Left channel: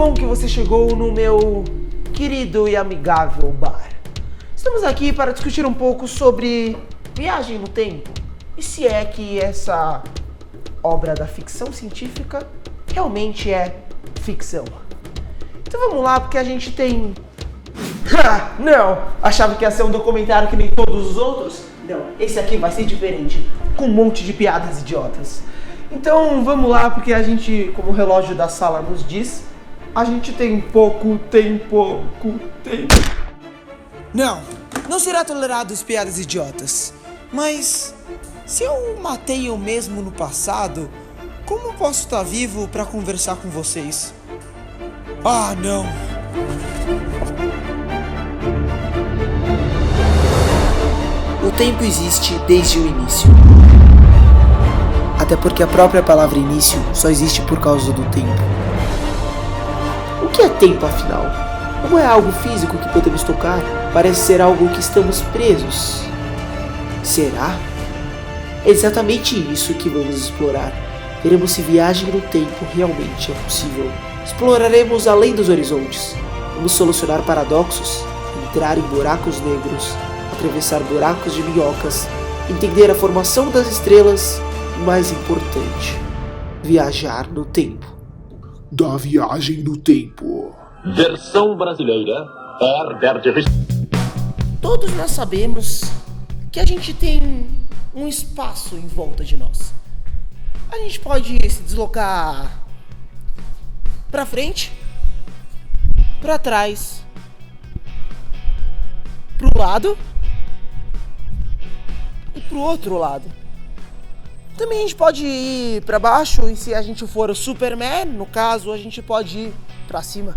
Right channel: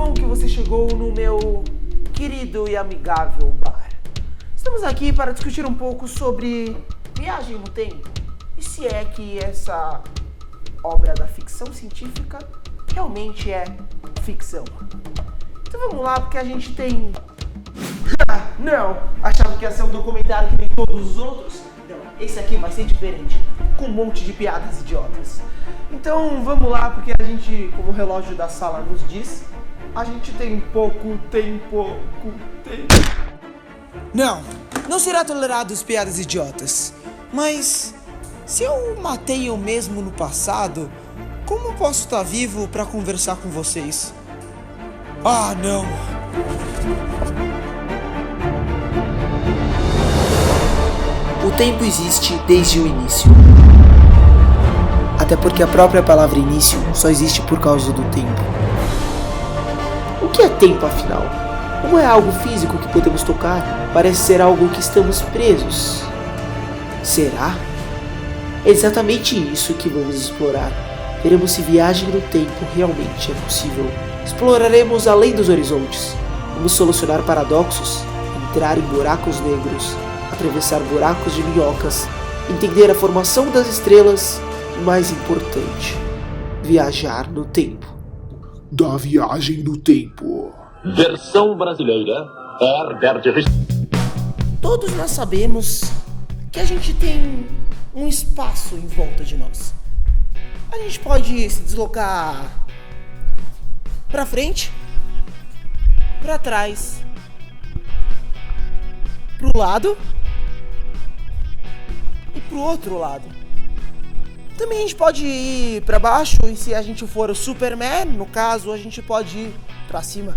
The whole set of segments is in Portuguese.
bom que você chegou no meu querido e amigável bar. Estamos aqui para discutir um pouco sobre viagem no tempo e se é que essa obra da ficção científica realmente é ficção. Então vamos lá, porque a gente tem... Não! Achava que ia ser um documentário que nem todos os outros? Não, esse aqui vai ser diferente, com um monte de piadas idiotas. Então vamos lá, porque a gente, como o relógio da sala nos diz, a gente tem pouco tempo. Não será tolerado as piadas idiotas. Mas se eu matei eu mesmo no passado, como posso estar vivo para conversar com vocês? Ah, não! O tempo existe desde o início. Até porque a própria palavra início só existe por causa do tempo. O que é tempo, afinal? Não é algo físico que podemos tocar, parece ser algo que estamos presos. Será? É exatamente isso que vamos explorar. Veremos se viagem no tempo realmente é possível. Exploraremos além dos horizontes. Vamos solucionar paradoxos, entrar em buracos negros, atravessar buracos de minhocas, entender a formação das estrelas e, mais importante, viajar no tempo. Da viagem no tempo. Versão brasileira, Herbert. Todos nós sabemos que a gente tem um espaço em volta de nós. A gente pode se deslocar para frente, para trás, para o lado e para o outro lado. Também a gente pode ir para baixo e, se a gente for o Superman, no caso, a gente pode ir para cima.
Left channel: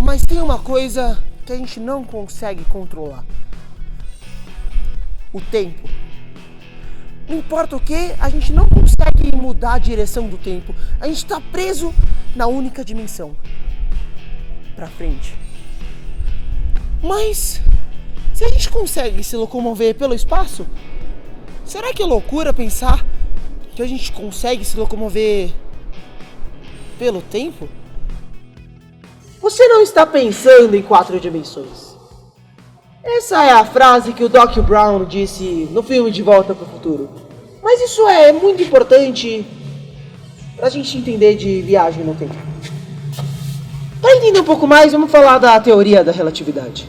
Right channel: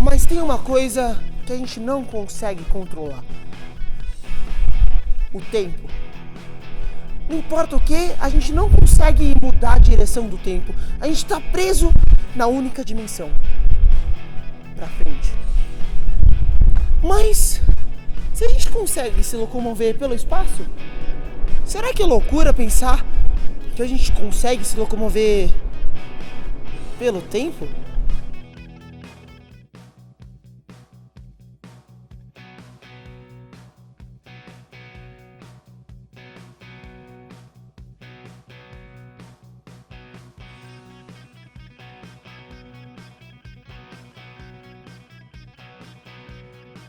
Mas tem uma coisa que a gente não consegue controlar: o tempo. Não importa o que, a gente não consegue mudar a direção do tempo. A gente está preso na única dimensão, para frente. Mas se a gente consegue se locomover pelo espaço, será que é loucura pensar que a gente consegue se locomover pelo tempo? Você não está pensando em 4 dimensões. Essa é a frase que o Doc Brown disse no filme De Volta para o Futuro. Mas isso é muito importante para a gente entender de viagem no tempo. Para entender um pouco mais, vamos falar da teoria da relatividade.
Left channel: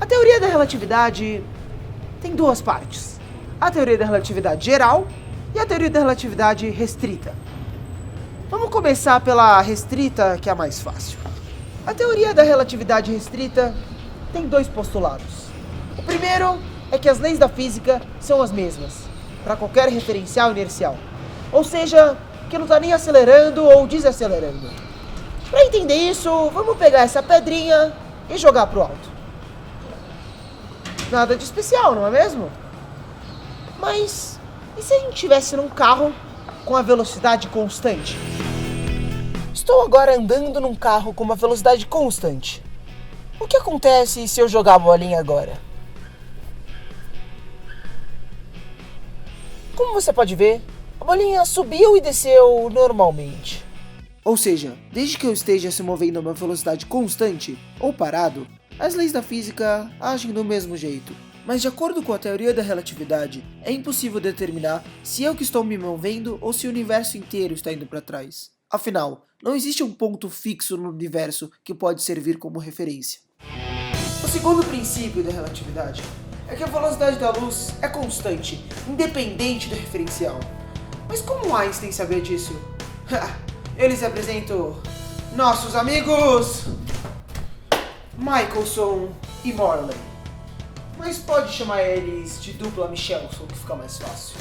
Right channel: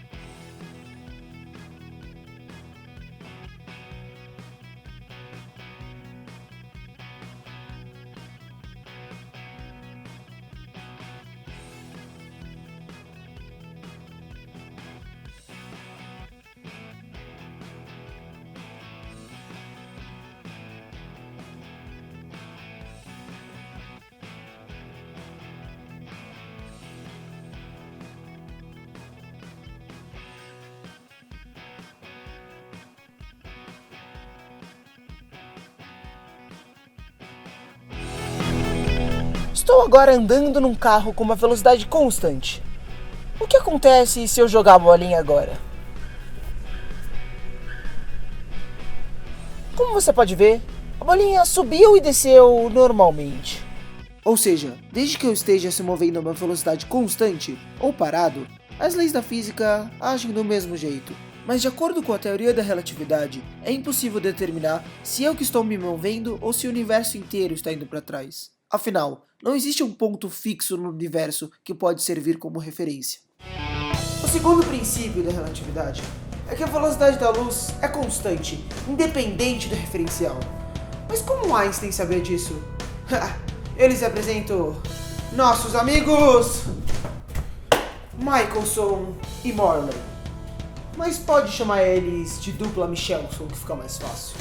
A teoria da relatividade tem 2 partes: a teoria da relatividade geral e a teoria da relatividade restrita. Vamos começar pela restrita, que é a mais fácil. A teoria da relatividade restrita tem 2 postulados. O primeiro é que as leis da física são as mesmas para qualquer referencial inercial, ou seja, que não está nem acelerando ou desacelerando. Para entender isso, vamos pegar essa pedrinha e jogar pro alto. Nada de especial, não é mesmo? Mas e se a gente estivesse num carro com a velocidade constante? Estou agora andando num carro com uma velocidade constante. O que acontece se eu jogar a bolinha agora? Como você pode ver, a bolinha subiu e desceu normalmente. Ou seja, desde que eu esteja se movendo a uma velocidade constante ou parado, as leis da física agem do mesmo jeito. Mas de acordo com a teoria da relatividade, é impossível determinar se eu que estou me movendo ou se o universo inteiro está indo para trás. Afinal, não existe um ponto fixo no universo que pode servir como referência. O segundo princípio da relatividade é que a velocidade da luz é constante, independente do referencial. Mas como Einstein sabia disso? Eles apresentam nossos amigos Michelson e Morley. Mas pode chamar eles de dupla Michelson, que fica mais fácil.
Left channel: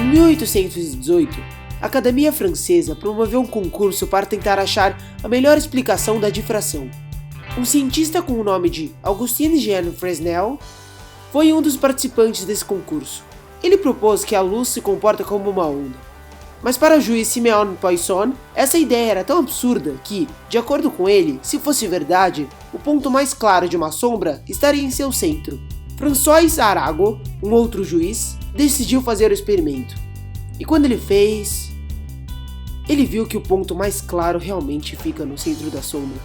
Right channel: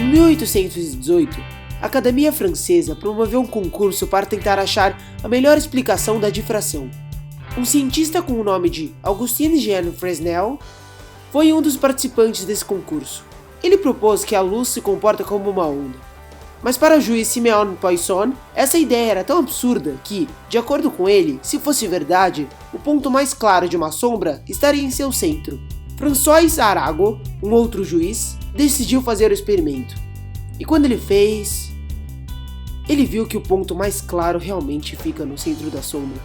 Em 1818, a Academia Francesa promoveu um concurso para tentar achar a melhor explicação da difração. Um cientista com o nome de Augustin-Jean Fresnel foi um dos participantes desse concurso. Ele propôs que a luz se comporta como uma onda. Mas para o juiz Simeon Poisson, essa ideia era tão absurda que, de acordo com ele, se fosse verdade, o ponto mais claro de uma sombra estaria em seu centro. François Arago, um outro juiz, decidiu fazer o experimento. E quando ele fez, ele viu que o ponto mais claro realmente fica no centro da sombra.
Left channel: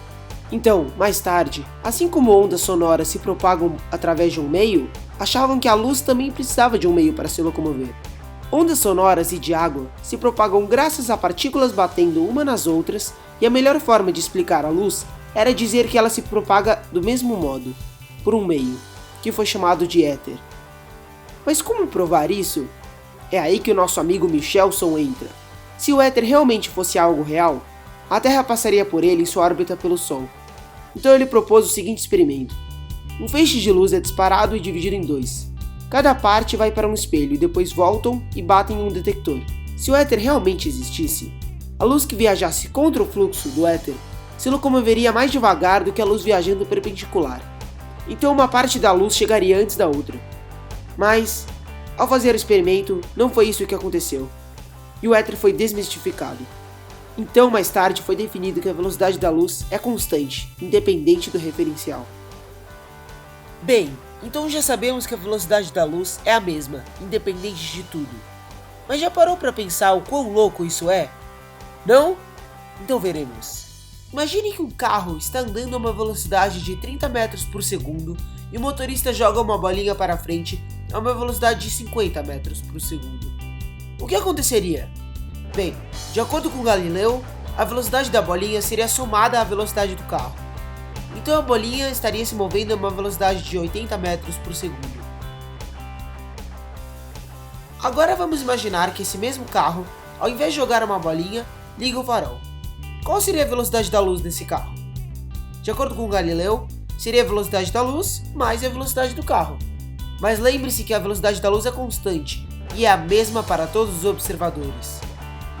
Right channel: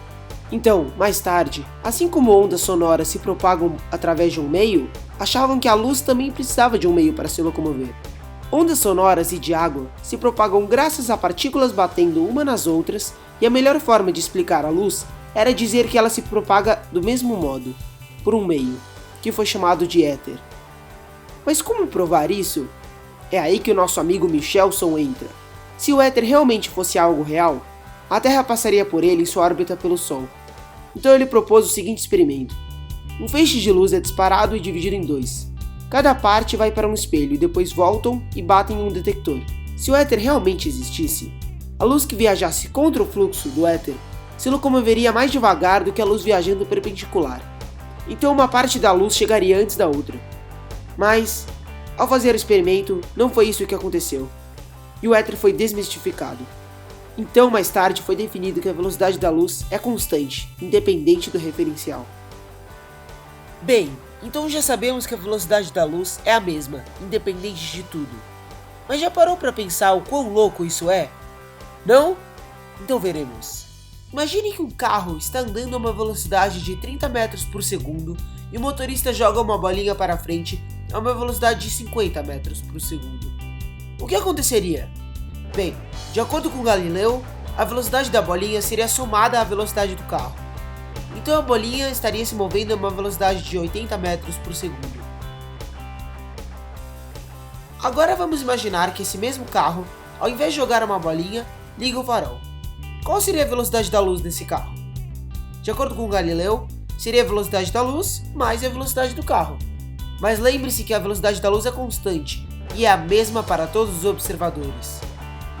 Então, mais tarde, assim como ondas sonoras se propagam através de um meio, achavam que a luz também precisava de um meio para se locomover. Ondas sonoras e de água se propagam graças a partículas batendo uma nas outras, e a melhor forma de explicar a luz era dizer que ela se propaga do mesmo modo, por um meio, que foi chamado de éter. Mas como provar isso? É aí que o nosso amigo Michelson entra. Se o éter realmente fosse algo real, a Terra passaria por ele em sua órbita pelo Sol. Então ele propôs o seguinte experimento. Um feixe de luz é disparado e dividido em dois. Cada parte vai para um espelho e depois voltam e batem em um detector. Se o éter realmente existisse, a luz que viajasse contra o fluxo do éter se locomoveria mais devagar do que a luz viajando perpendicular. Então uma parte da luz chegaria antes da outra. Mas, ao fazer o experimento, não foi isso que aconteceu. E o éter foi desmistificado. Então, mais tarde, foi definido que a velocidade da luz é constante, independente do referencial. Bem, então já sabemos que a velocidade da luz é a mesma, independente de tudo. Mas já parou para pensar o quão louco isso é? Não? Então veremos. Imagine que um carro está andando a uma velocidade de 30 metros por segundo e o motorista joga uma bolinha para frente a uma velocidade de 50 metros por segundo. O que aconteceria? Bem, de acordo com Galileu, a velocidade da bolinha seria somada à velocidade do carro. Então a bolinha estaria se movendo a uma velocidade de 80 metros por segundo. Agora vamos imaginar que esse mesmo carro, ao invés de jogar uma bolinha, liga o farol. Qual seria a velocidade da luz nesse carro? De acordo com Galileu, seria a velocidade da luz mais a velocidade do carro. Mas lembre-se que a velocidade da luz é constante e é a mesma para todos os observadores.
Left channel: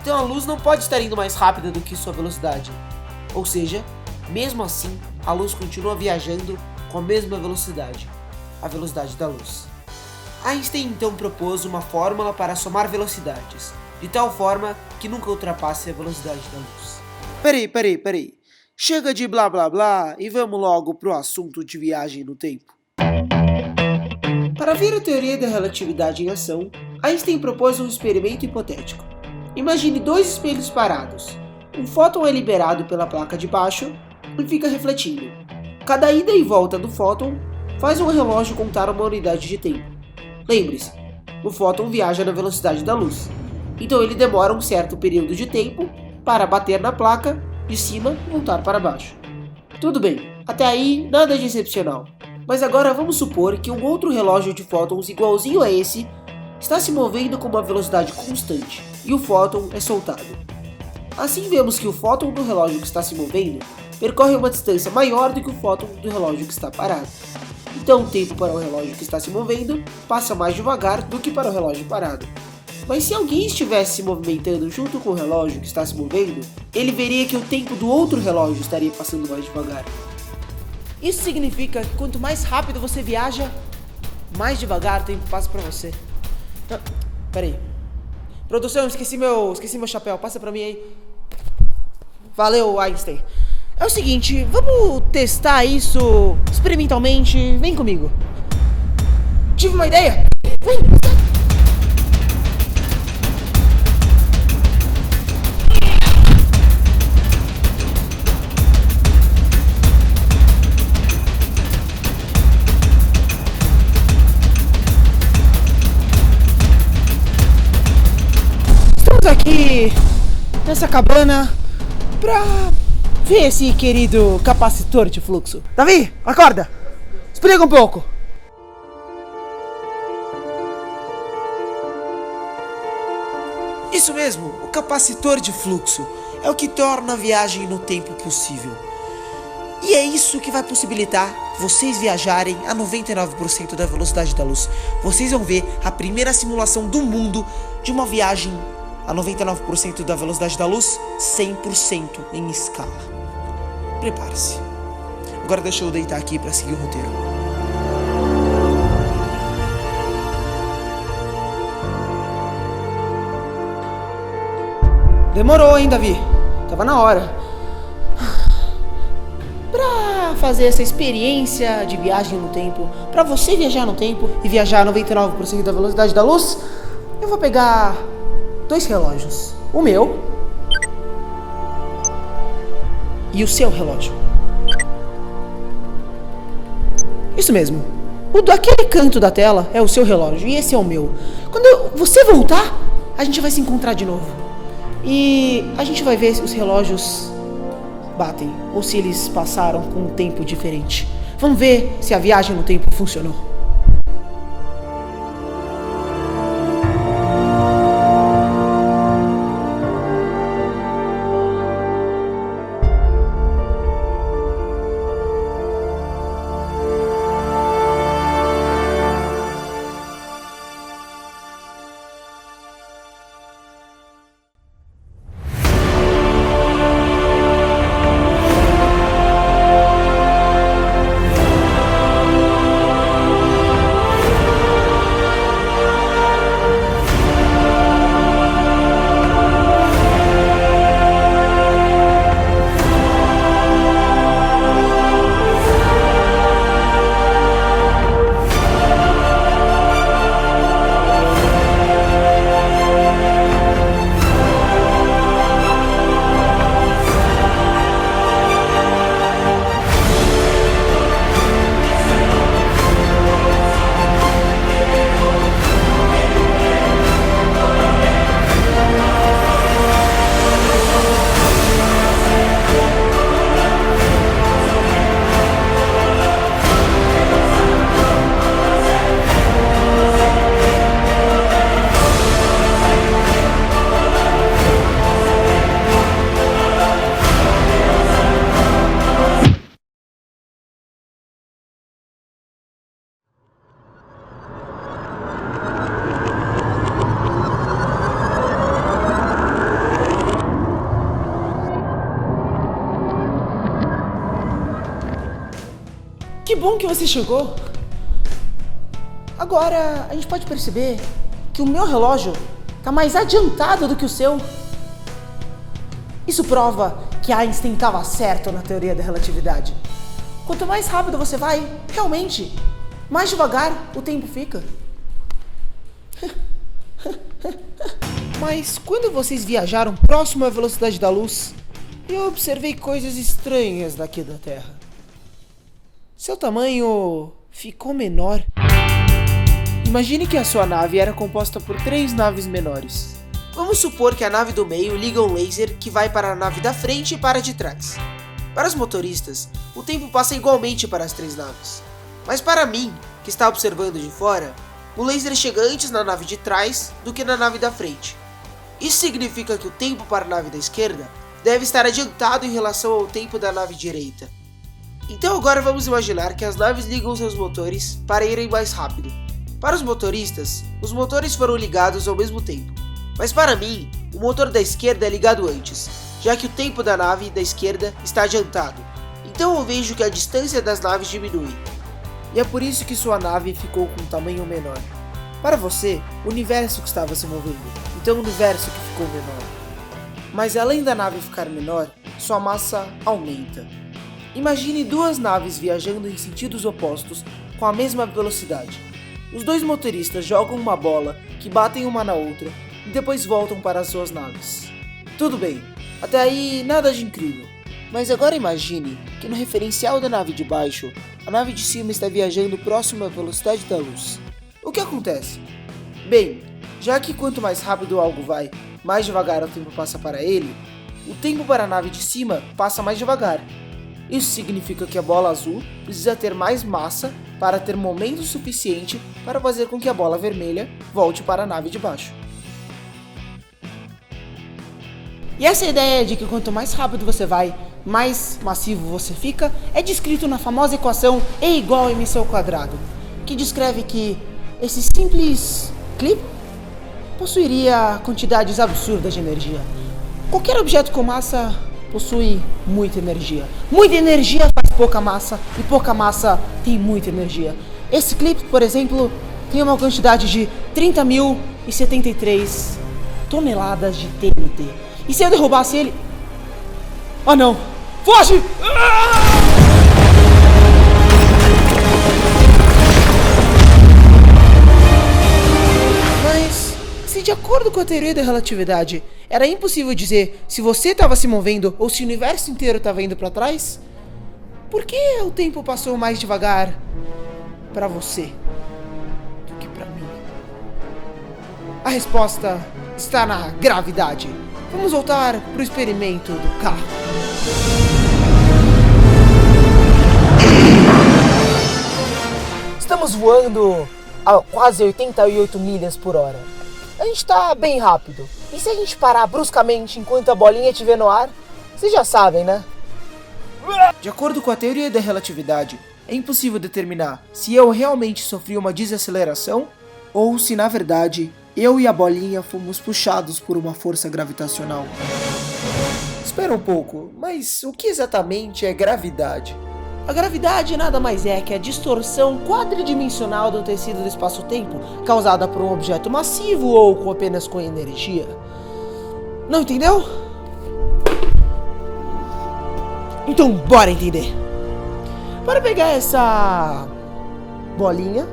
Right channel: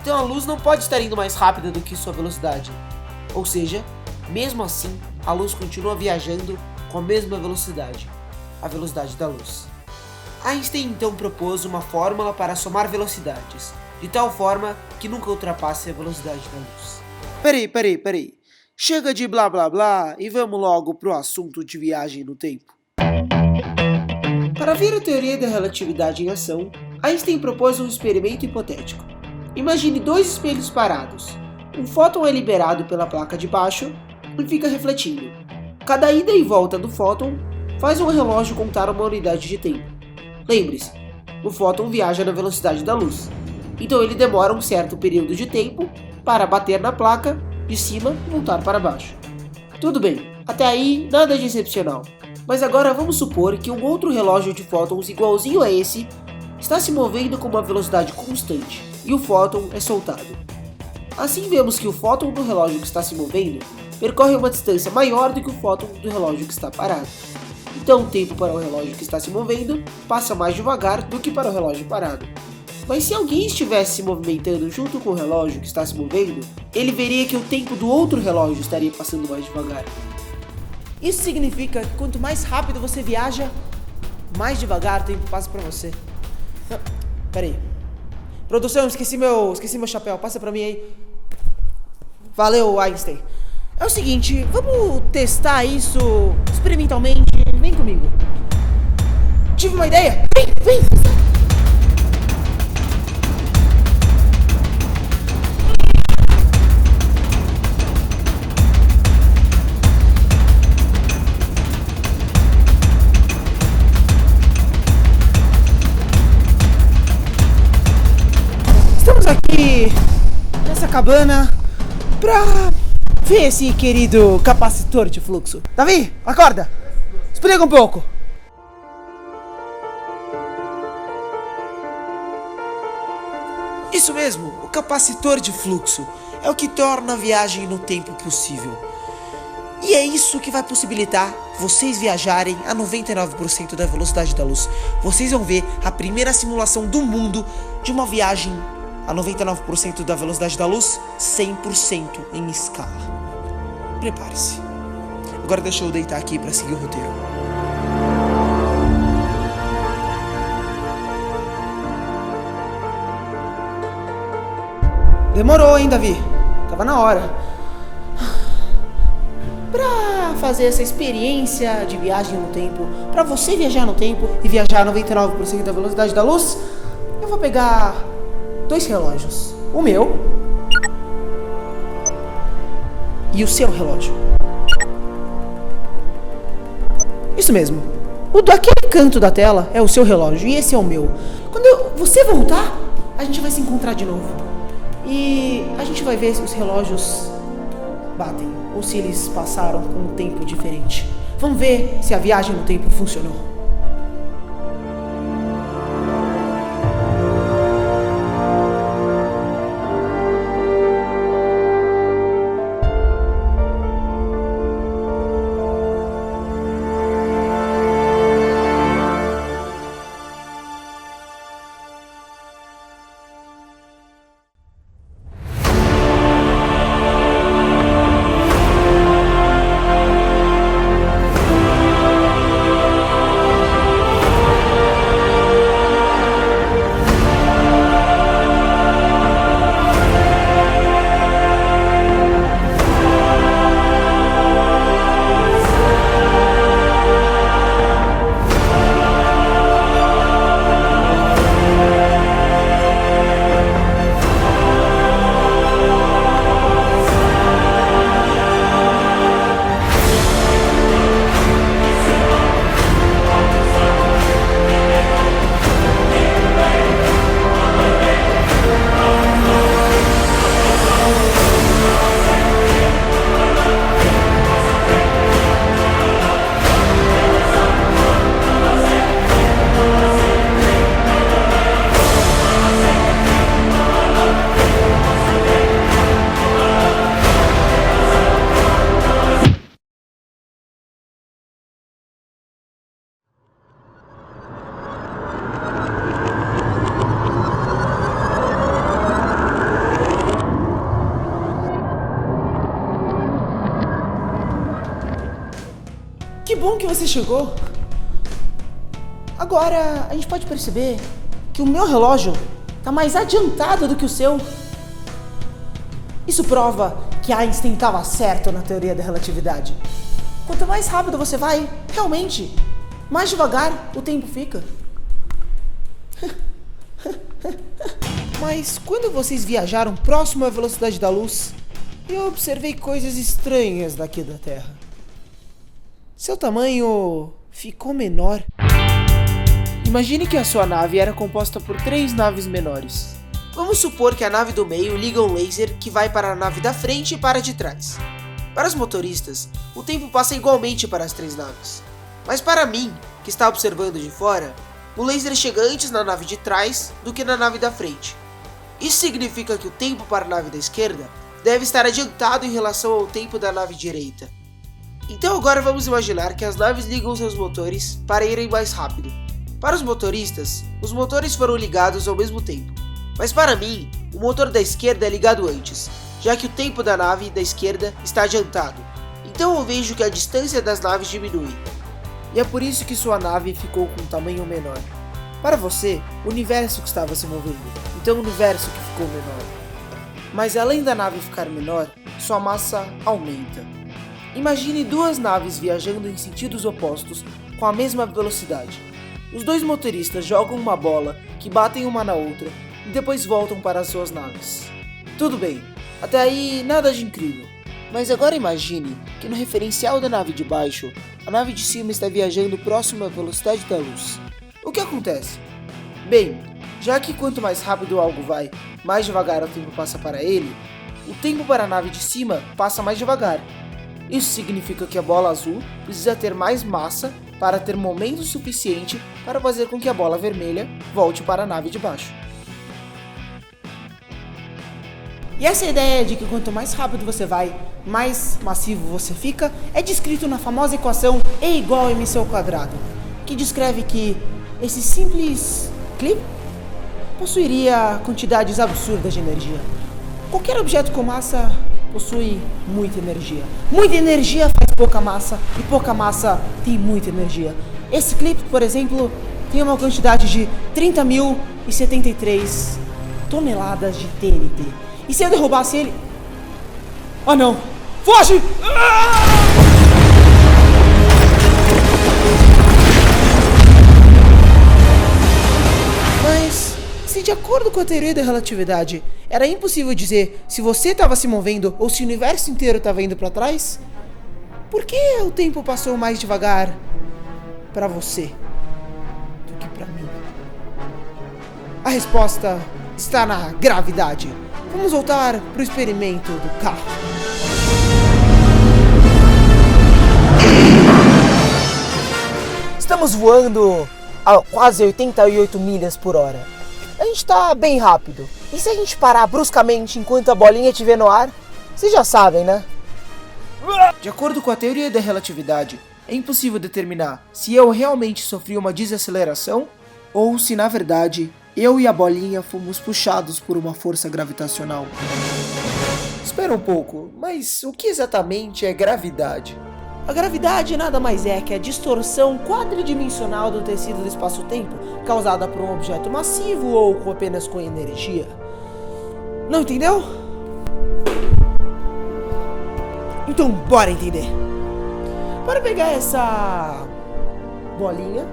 Então a luz não pode estar indo mais rápida do que sua velocidade. Ou seja, mesmo assim, a luz continua viajando com a mesma velocidade, a velocidade da luz. Einstein então propôs uma fórmula para somar velocidades, de tal forma que nunca ultrapasse a velocidade da luz. Peraí. Chega de blá blá blá e vamos logo pro assunto de viagem no tempo. Para ver a teoria da relatividade em ação, Einstein propôs um experimento hipotético. Imagine dois espelhos parados. Um fóton é liberado pela placa de baixo e fica refletindo. Cada ida e volta do fóton faz um relógio contar uma unidade de tempo. Lembre-se, o fóton viaja na velocidade da luz, então ele demora um certo período de tempo para bater na placa de cima e voltar para baixo. Tudo bem, até aí nada de excepcional. Mas agora vamos supor que um outro relógio de fótons igualzinho a esse está se movendo com uma velocidade constante e o fóton é soltado. Assim vemos que o fóton do relógio que está se movendo percorre uma distância maior do que o fóton do relógio que está parado. Então o tempo para o relógio que está se movendo passa mais devagar do que para o relógio parado. Mas se alguém estivesse se movimentando junto com o relógio que está se movendo, ele veria que o tempo do outro relógio estaria passando mais devagar. Isso significa que quanto mais rápido você viaja, mais devagar o tempo passa para você. Não, peraí. Produção, esqueci meu chapéu, passa pra mim aí. Valeu, Einstein. É o seguinte, vamos testar isso experimentalmente. Vem comigo. Tive uma ideia. Vem. Estamos aqui nessa cabana pra ver esse querido capacitor de fluxo. Davi, acorda! Explica um pouco. Isso mesmo, o capacitor de fluxo é o que torna a viagem no tempo possível. E é isso que vai possibilitar vocês viajarem a 99% da velocidade da luz. Vocês vão ver a primeira simulação do mundo de uma viagem a 99% da velocidade da luz, 100% em escala. Prepare-se. Agora deixa eu deitar aqui para seguir o roteiro. Demorou, hein, Davi? Tava na hora. Pra fazer essa experiência de viagem no tempo, pra você viajar no tempo e viajar a 99% da velocidade da luz, eu vou pegar 2 relógios. O meu e o seu relógio. Isso mesmo. O daquele canto da tela é o seu relógio e esse é o meu. Quando você voltar, a gente vai se encontrar de novo. E a gente vai ver se os relógios batem ou se eles passaram com um tempo diferente. Vamos ver se a viagem no tempo funcionou. Que bom que você chegou. Agora, a gente pode perceber que o meu relógio está mais adiantado do que o seu. Isso prova que Einstein estava certo na teoria da relatividade. Quanto mais rápido você vai, realmente, mais devagar o tempo fica. Mas quando vocês viajaram próximo à velocidade da luz, eu observei coisas estranhas daqui da Terra. Seu tamanho ficou menor. Imagine que a sua nave era composta por 3 naves menores. Vamos supor que a nave do meio liga um laser que vai para a nave da frente e para a de trás. Para os motoristas, o tempo passa igualmente para as 3 naves. Mas para mim, que está observando de fora, o laser chega antes na nave de trás do que na nave da frente. Isso significa que o tempo para a nave da esquerda deve estar adiantado em relação ao tempo da nave direita. Então agora vamos imaginar que as naves ligam seus motores para irem mais rápido. Para os motoristas, os motores foram ligados ao mesmo tempo. Mas para mim, o motor da esquerda é ligado antes, já que o tempo da nave da esquerda está adiantado. Então eu vejo que a distância das naves diminui. E é por isso que sua nave ficou com um tamanho menor. Para você, o universo que estava se movendo, então o universo que ficou menor. Mas além da nave ficar menor, sua massa aumenta. Imagine 2 naves viajando em sentidos opostos com a mesma velocidade. Os 2 motoristas jogam uma bola que batem uma na outra e depois voltam para as suas naves. Tudo bem, até aí nada de incrível. Mas agora imagine que no referencial da nave de baixo, a nave de cima está viajando próximo à velocidade da luz. O que acontece? Bem, já que quanto mais rápido algo vai, mais devagar o tempo passa para ele, o tempo para a nave de cima passa mais devagar. Isso significa que a bola azul precisa ter mais massa para ter momento suficiente para fazer com que a bola vermelha volte para a nave de baixo. E essa ideia de que quanto mais rápido você vai, mais massivo você fica, é descrito na famosa equação E igual a mc ao quadrado, que descreve que esse simples clipe possuiria quantidades absurdas de energia. Qualquer objeto com massa possui muita energia. Muita energia faz pouca massa e pouca massa tem muita energia. Esse clipe, por exemplo, tem uma quantidade de 30.073 toneladas de TNT. E se eu derrubasse ele... Oh não! Foge! Mas se de acordo com a teoria da relatividade, era impossível dizer se você estava se movendo ou se o universo inteiro estava indo para trás? Por que o tempo passou mais devagar para você do que para mim? A resposta está na gravidade. Vamos voltar para o experimento do carro. Estamos voando a quase 88 milhas por hora. A gente está bem rápido. E se a gente parar bruscamente enquanto a bolinha estiver no ar? Vocês já sabem, né? De acordo com a teoria da relatividade, é impossível determinar se eu realmente sofri uma desaceleração ou se, na verdade, eu e a bolinha fomos puxados por uma força gravitacional. Espera um pouco, mas o que exatamente é gravidade? A gravidade nada mais é que a distorção quadridimensional do tecido do espaço-tempo causada por um objeto massivo ou apenas com energia. Não entendeu? Então bora entender. Bora pegar essa bolinha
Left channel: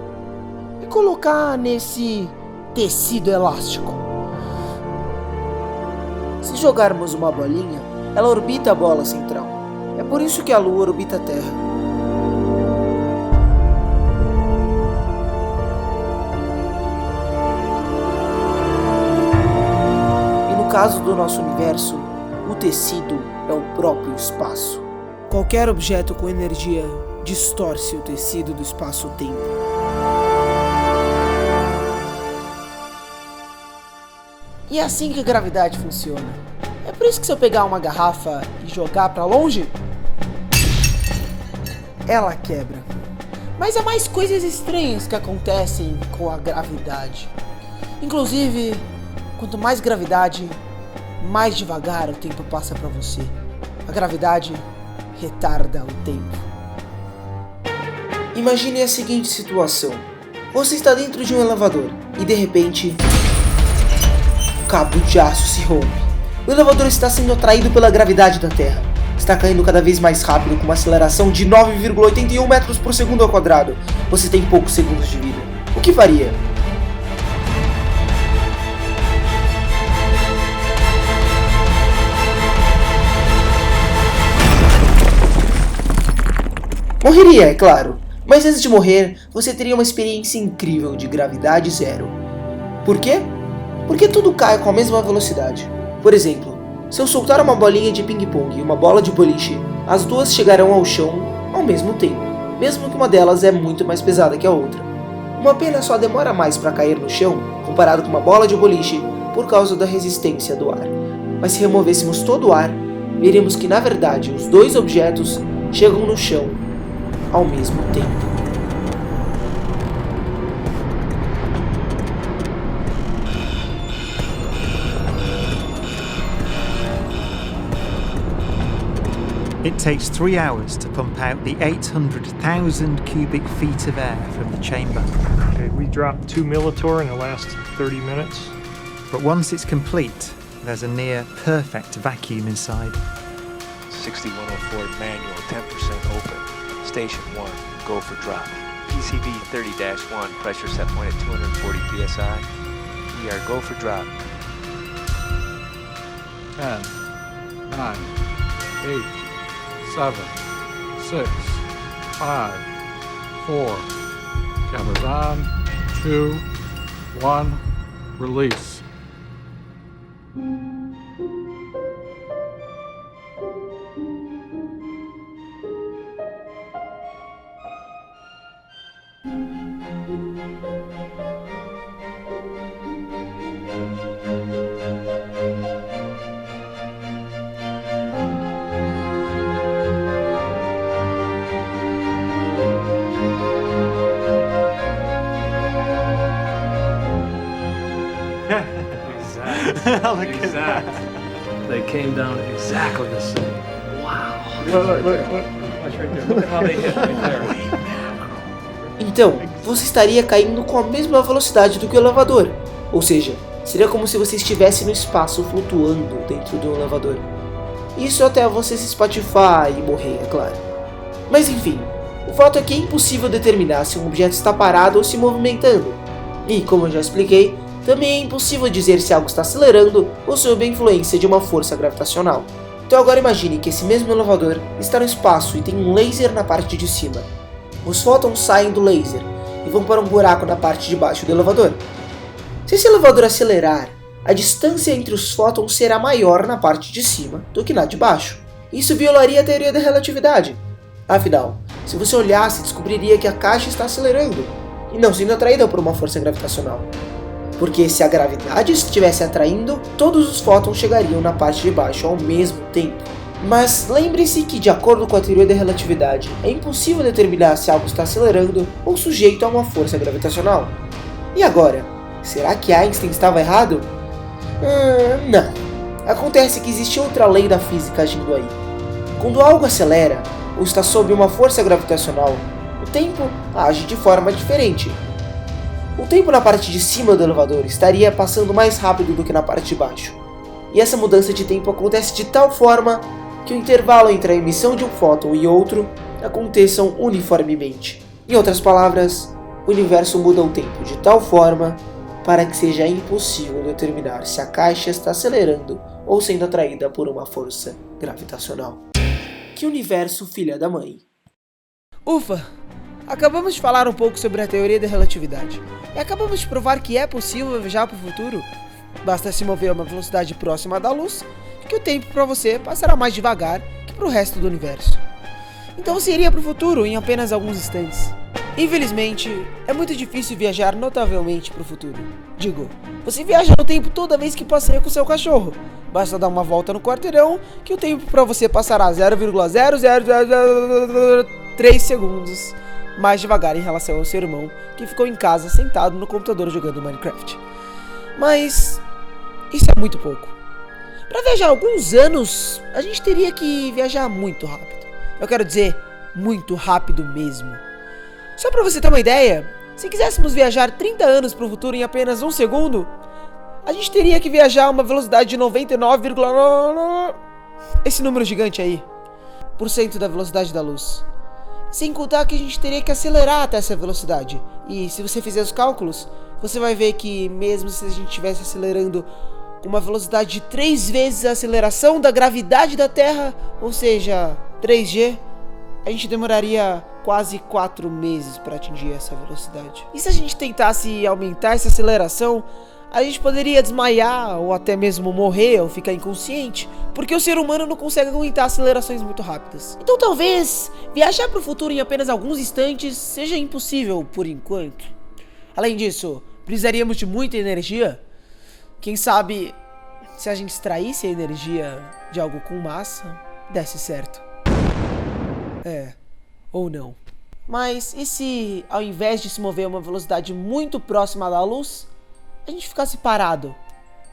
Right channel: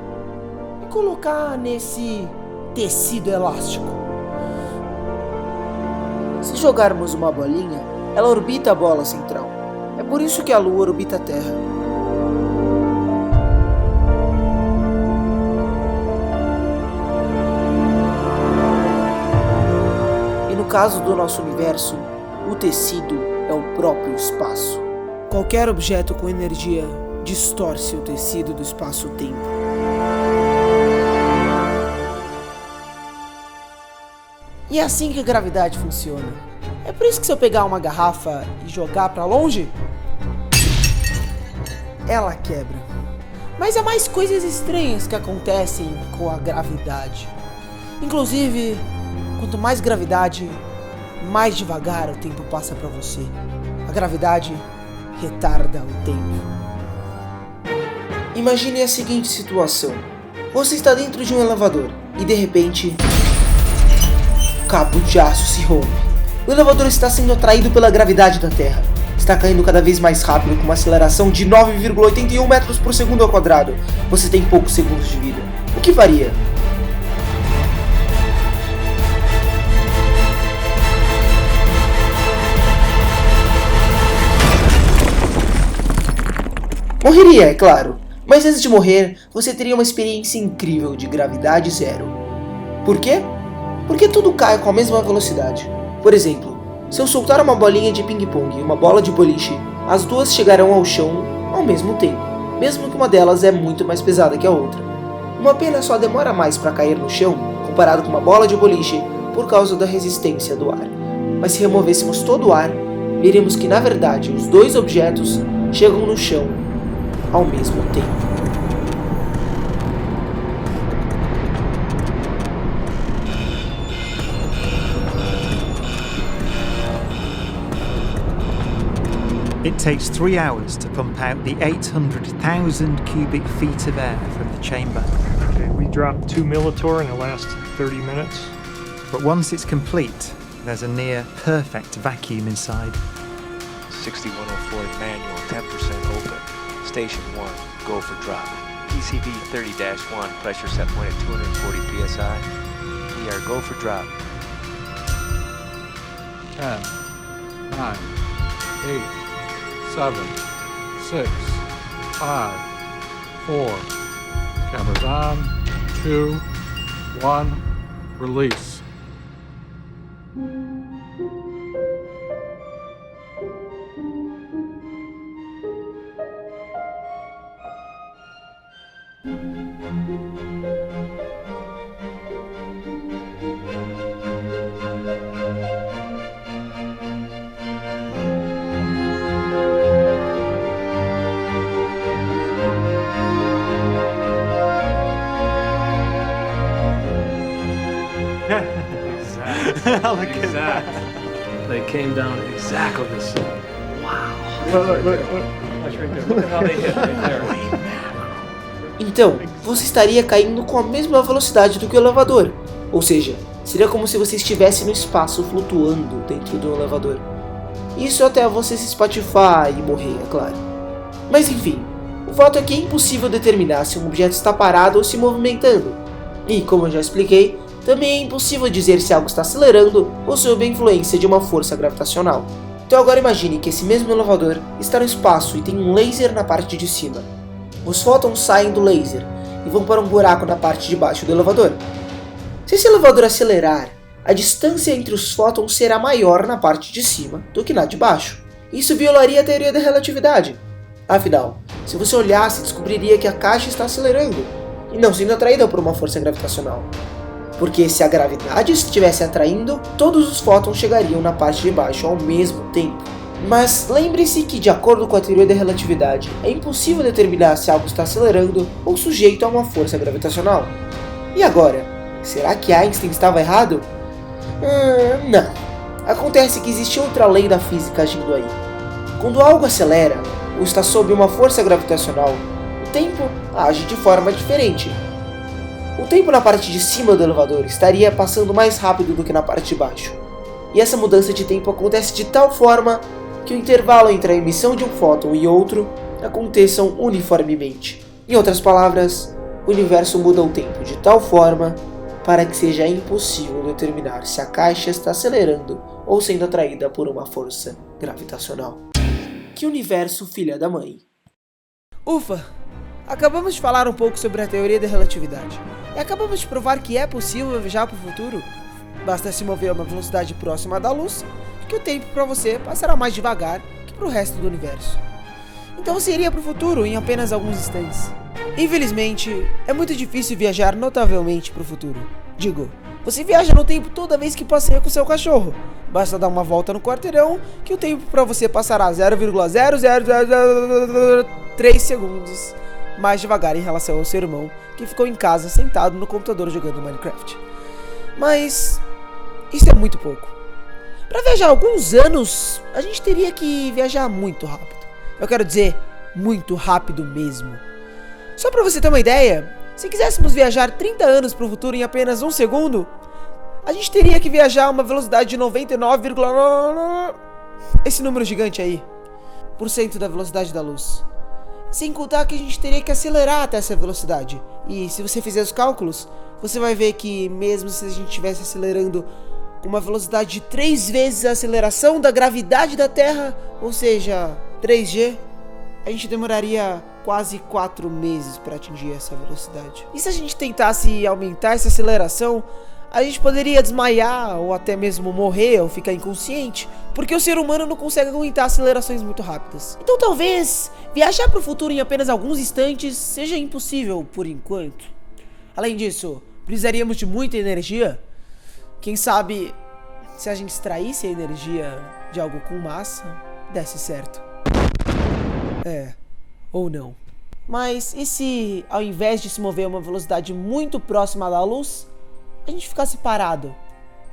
e colocar nesse tecido elástico. Se jogarmos uma bolinha, ela orbita a bola central. É por isso que a Lua orbita a Terra. E no caso do nosso universo, o tecido é o próprio espaço. Qualquer objeto com energia distorce o tecido do espaço-tempo. E é assim que a gravidade funciona. É por isso que se eu pegar uma garrafa e jogar pra longe, ela quebra. Mas há mais coisas estranhas que acontecem com a gravidade. Inclusive, quanto mais gravidade, mais devagar o tempo passa pra você. A gravidade retarda o tempo. Imagine a seguinte situação. Você está dentro de um elevador e de repente o cabo de aço se rompe. O elevador está sendo atraído pela gravidade da Terra. Está caindo cada vez mais rápido com uma aceleração de 9,81 metros por segundo ao quadrado. Você tem poucos segundos de vida. O que faria? Morreria, é claro. Mas antes de morrer, você teria uma experiência incrível de gravidade zero. Por quê? Porque tudo cai com a mesma velocidade. Por exemplo, se eu soltar uma bolinha de ping-pong e uma bola de boliche, as duas chegarão ao chão ao mesmo tempo, mesmo que uma delas é muito mais pesada que a outra. Uma pena só demora mais para cair no chão, comparado com uma bola de boliche, por causa da resistência do ar. Mas se removêssemos todo o ar, veríamos que na verdade os dois objetos chegam no chão ao mesmo tempo. It takes 3 hours to pump out the 800,000 cubic feet of air from the chamber. Okay, we dropped 2 millitorr in the last 30 minutes. But once it's complete, there's a near perfect vacuum inside. 6104 manual, 10% open. Station 1, go for drop. PCB 30-1, pressure set point at 240 psi. We are go for drop. 10, 9, 8, 7, 6, 5, 4. Cameras on. 2, 1. Release. Exactly. They came down exactly the same. Wow. Look. That's right there. Look at how they hit right there. Então, você estaria caindo com a mesma velocidade do que o elevador. Ou seja, seria como se você estivesse no espaço flutuando dentro de um elevador. Isso até você se espatifar e morrer, é claro. Mas enfim, o fato é que é impossível determinar se um objeto está parado ou se movimentando. E, como eu já expliquei, Também é impossível dizer se algo está acelerando ou sob a influência de uma força gravitacional. Então agora imagine que esse mesmo elevador está no espaço e tem um laser na parte de cima. Os fótons saem do laser e vão para um buraco na parte de baixo do elevador. Se esse elevador acelerar, a distância entre os fótons será maior na parte de cima do que na de baixo. Isso violaria a teoria da relatividade. Afinal, se você olhasse, descobriria que a caixa está acelerando e não sendo atraída por uma força gravitacional. Porque se a gravidade estivesse atraindo, todos os fótons chegariam na parte de baixo ao mesmo tempo. Mas lembre-se que, de acordo com a teoria da relatividade, é impossível determinar se algo está acelerando ou sujeito a uma força gravitacional. E agora, será que Einstein estava errado? Não. Acontece que existe outra lei da física agindo aí. Quando algo acelera ou está sob uma força gravitacional, o tempo age de forma diferente. O tempo na parte de cima do elevador estaria passando mais rápido do que na parte de baixo. E essa mudança de tempo acontece de tal forma que o intervalo entre a emissão de um fóton e outro aconteçam uniformemente. Em outras palavras, o universo muda o tempo de tal forma para que seja impossível determinar se a caixa está acelerando ou sendo atraída por uma força gravitacional. Que universo, filha da mãe! Ufa! Acabamos de falar um pouco sobre a teoria da relatividade. E acabamos de provar que é possível viajar para o futuro. Basta se mover a uma velocidade próxima da luz, que o tempo para você passará mais devagar que para o resto do universo. Então você iria para o futuro em apenas alguns instantes. Infelizmente, é muito difícil viajar notavelmente para o futuro. Digo, você viaja no tempo toda vez que passeia com seu cachorro. Basta dar uma volta no quarteirão que o tempo para você passará 0,00003 segundos mais devagar em relação ao seu irmão que ficou em casa sentado no computador jogando Minecraft. Mas isso é muito pouco. Para viajar alguns anos, a gente teria que viajar muito rápido. Eu quero dizer, muito rápido mesmo. Só para você ter uma ideia, se quiséssemos viajar 30 anos para o futuro em apenas um segundo, a gente teria que viajar a uma velocidade de 99,9... esse número gigante aí, % da velocidade da luz. Sem contar que a gente teria que acelerar até essa velocidade. E se você fizer os cálculos, você vai ver que mesmo se a gente estivesse acelerando com uma velocidade de 3 vezes a aceleração da gravidade da Terra, ou seja, 3G, a gente demoraria quase 4 meses para atingir essa velocidade. E se a gente tentasse aumentar essa aceleração, a gente poderia desmaiar ou até mesmo morrer ou ficar inconsciente, porque o ser humano não consegue aguentar acelerações muito rápidas. Então talvez viajar para o futuro em apenas alguns instantes seja impossível por enquanto. Além disso, precisaríamos de muita energia. Quem sabe se a gente extraísse a energia de algo com massa, desse certo. Ou não. Mas e se ao invés de se mover a uma velocidade muito próxima da luz, a gente ficasse parado,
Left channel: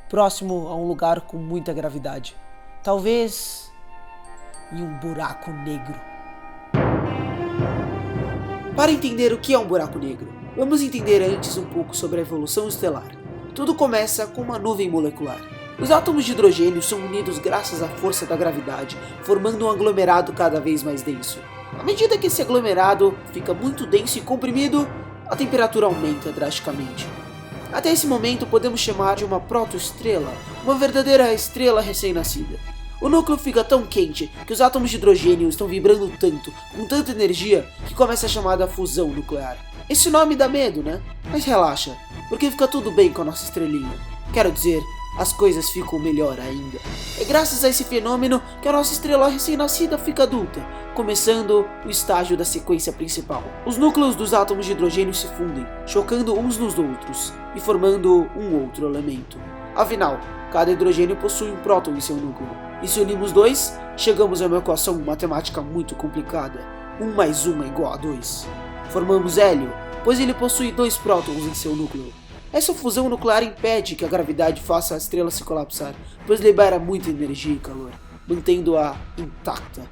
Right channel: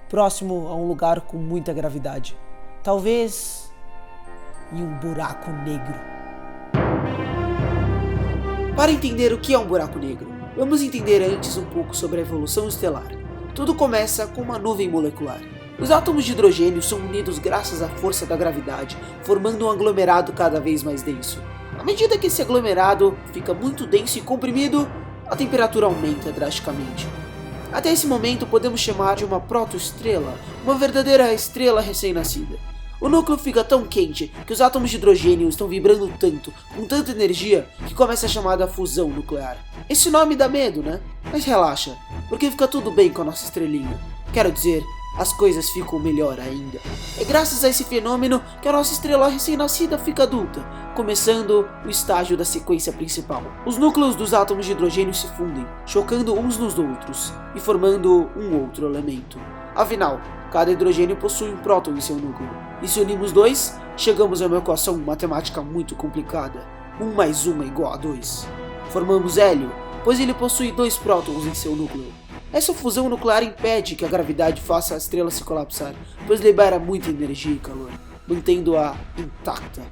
próximo a um lugar com muita gravidade? Talvez em um buraco negro. Para entender o que é um buraco negro, vamos entender antes um pouco sobre a evolução estelar. Tudo começa com uma nuvem molecular. Os átomos de hidrogênio são unidos graças à força da gravidade, formando um aglomerado cada vez mais denso. À medida que esse aglomerado fica muito denso e comprimido, a temperatura aumenta drasticamente. Até esse momento podemos chamar de uma protoestrela, uma verdadeira estrela recém-nascida. O núcleo fica tão quente que os átomos de hidrogênio estão vibrando tanto, com tanta energia, que começa a chamada fusão nuclear. Esse nome dá medo, né? Mas relaxa, porque fica tudo bem com a nossa estrelinha. Quero dizer, as coisas ficam melhor ainda. É graças a esse fenômeno que a nossa estrela recém-nascida fica adulta, começando o estágio da sequência principal. Os núcleos dos átomos de hidrogênio se fundem, chocando uns nos outros e formando um outro elemento. Afinal, cada hidrogênio possui um próton em seu núcleo. E se unimos dois, chegamos a uma equação matemática muito complicada. 1 mais 1 é igual a 2. Formamos hélio, pois ele possui 2 prótons em seu núcleo. Essa fusão nuclear impede que a gravidade faça a estrela se colapsar, pois libera muita energia e calor, mantendo-a intacta.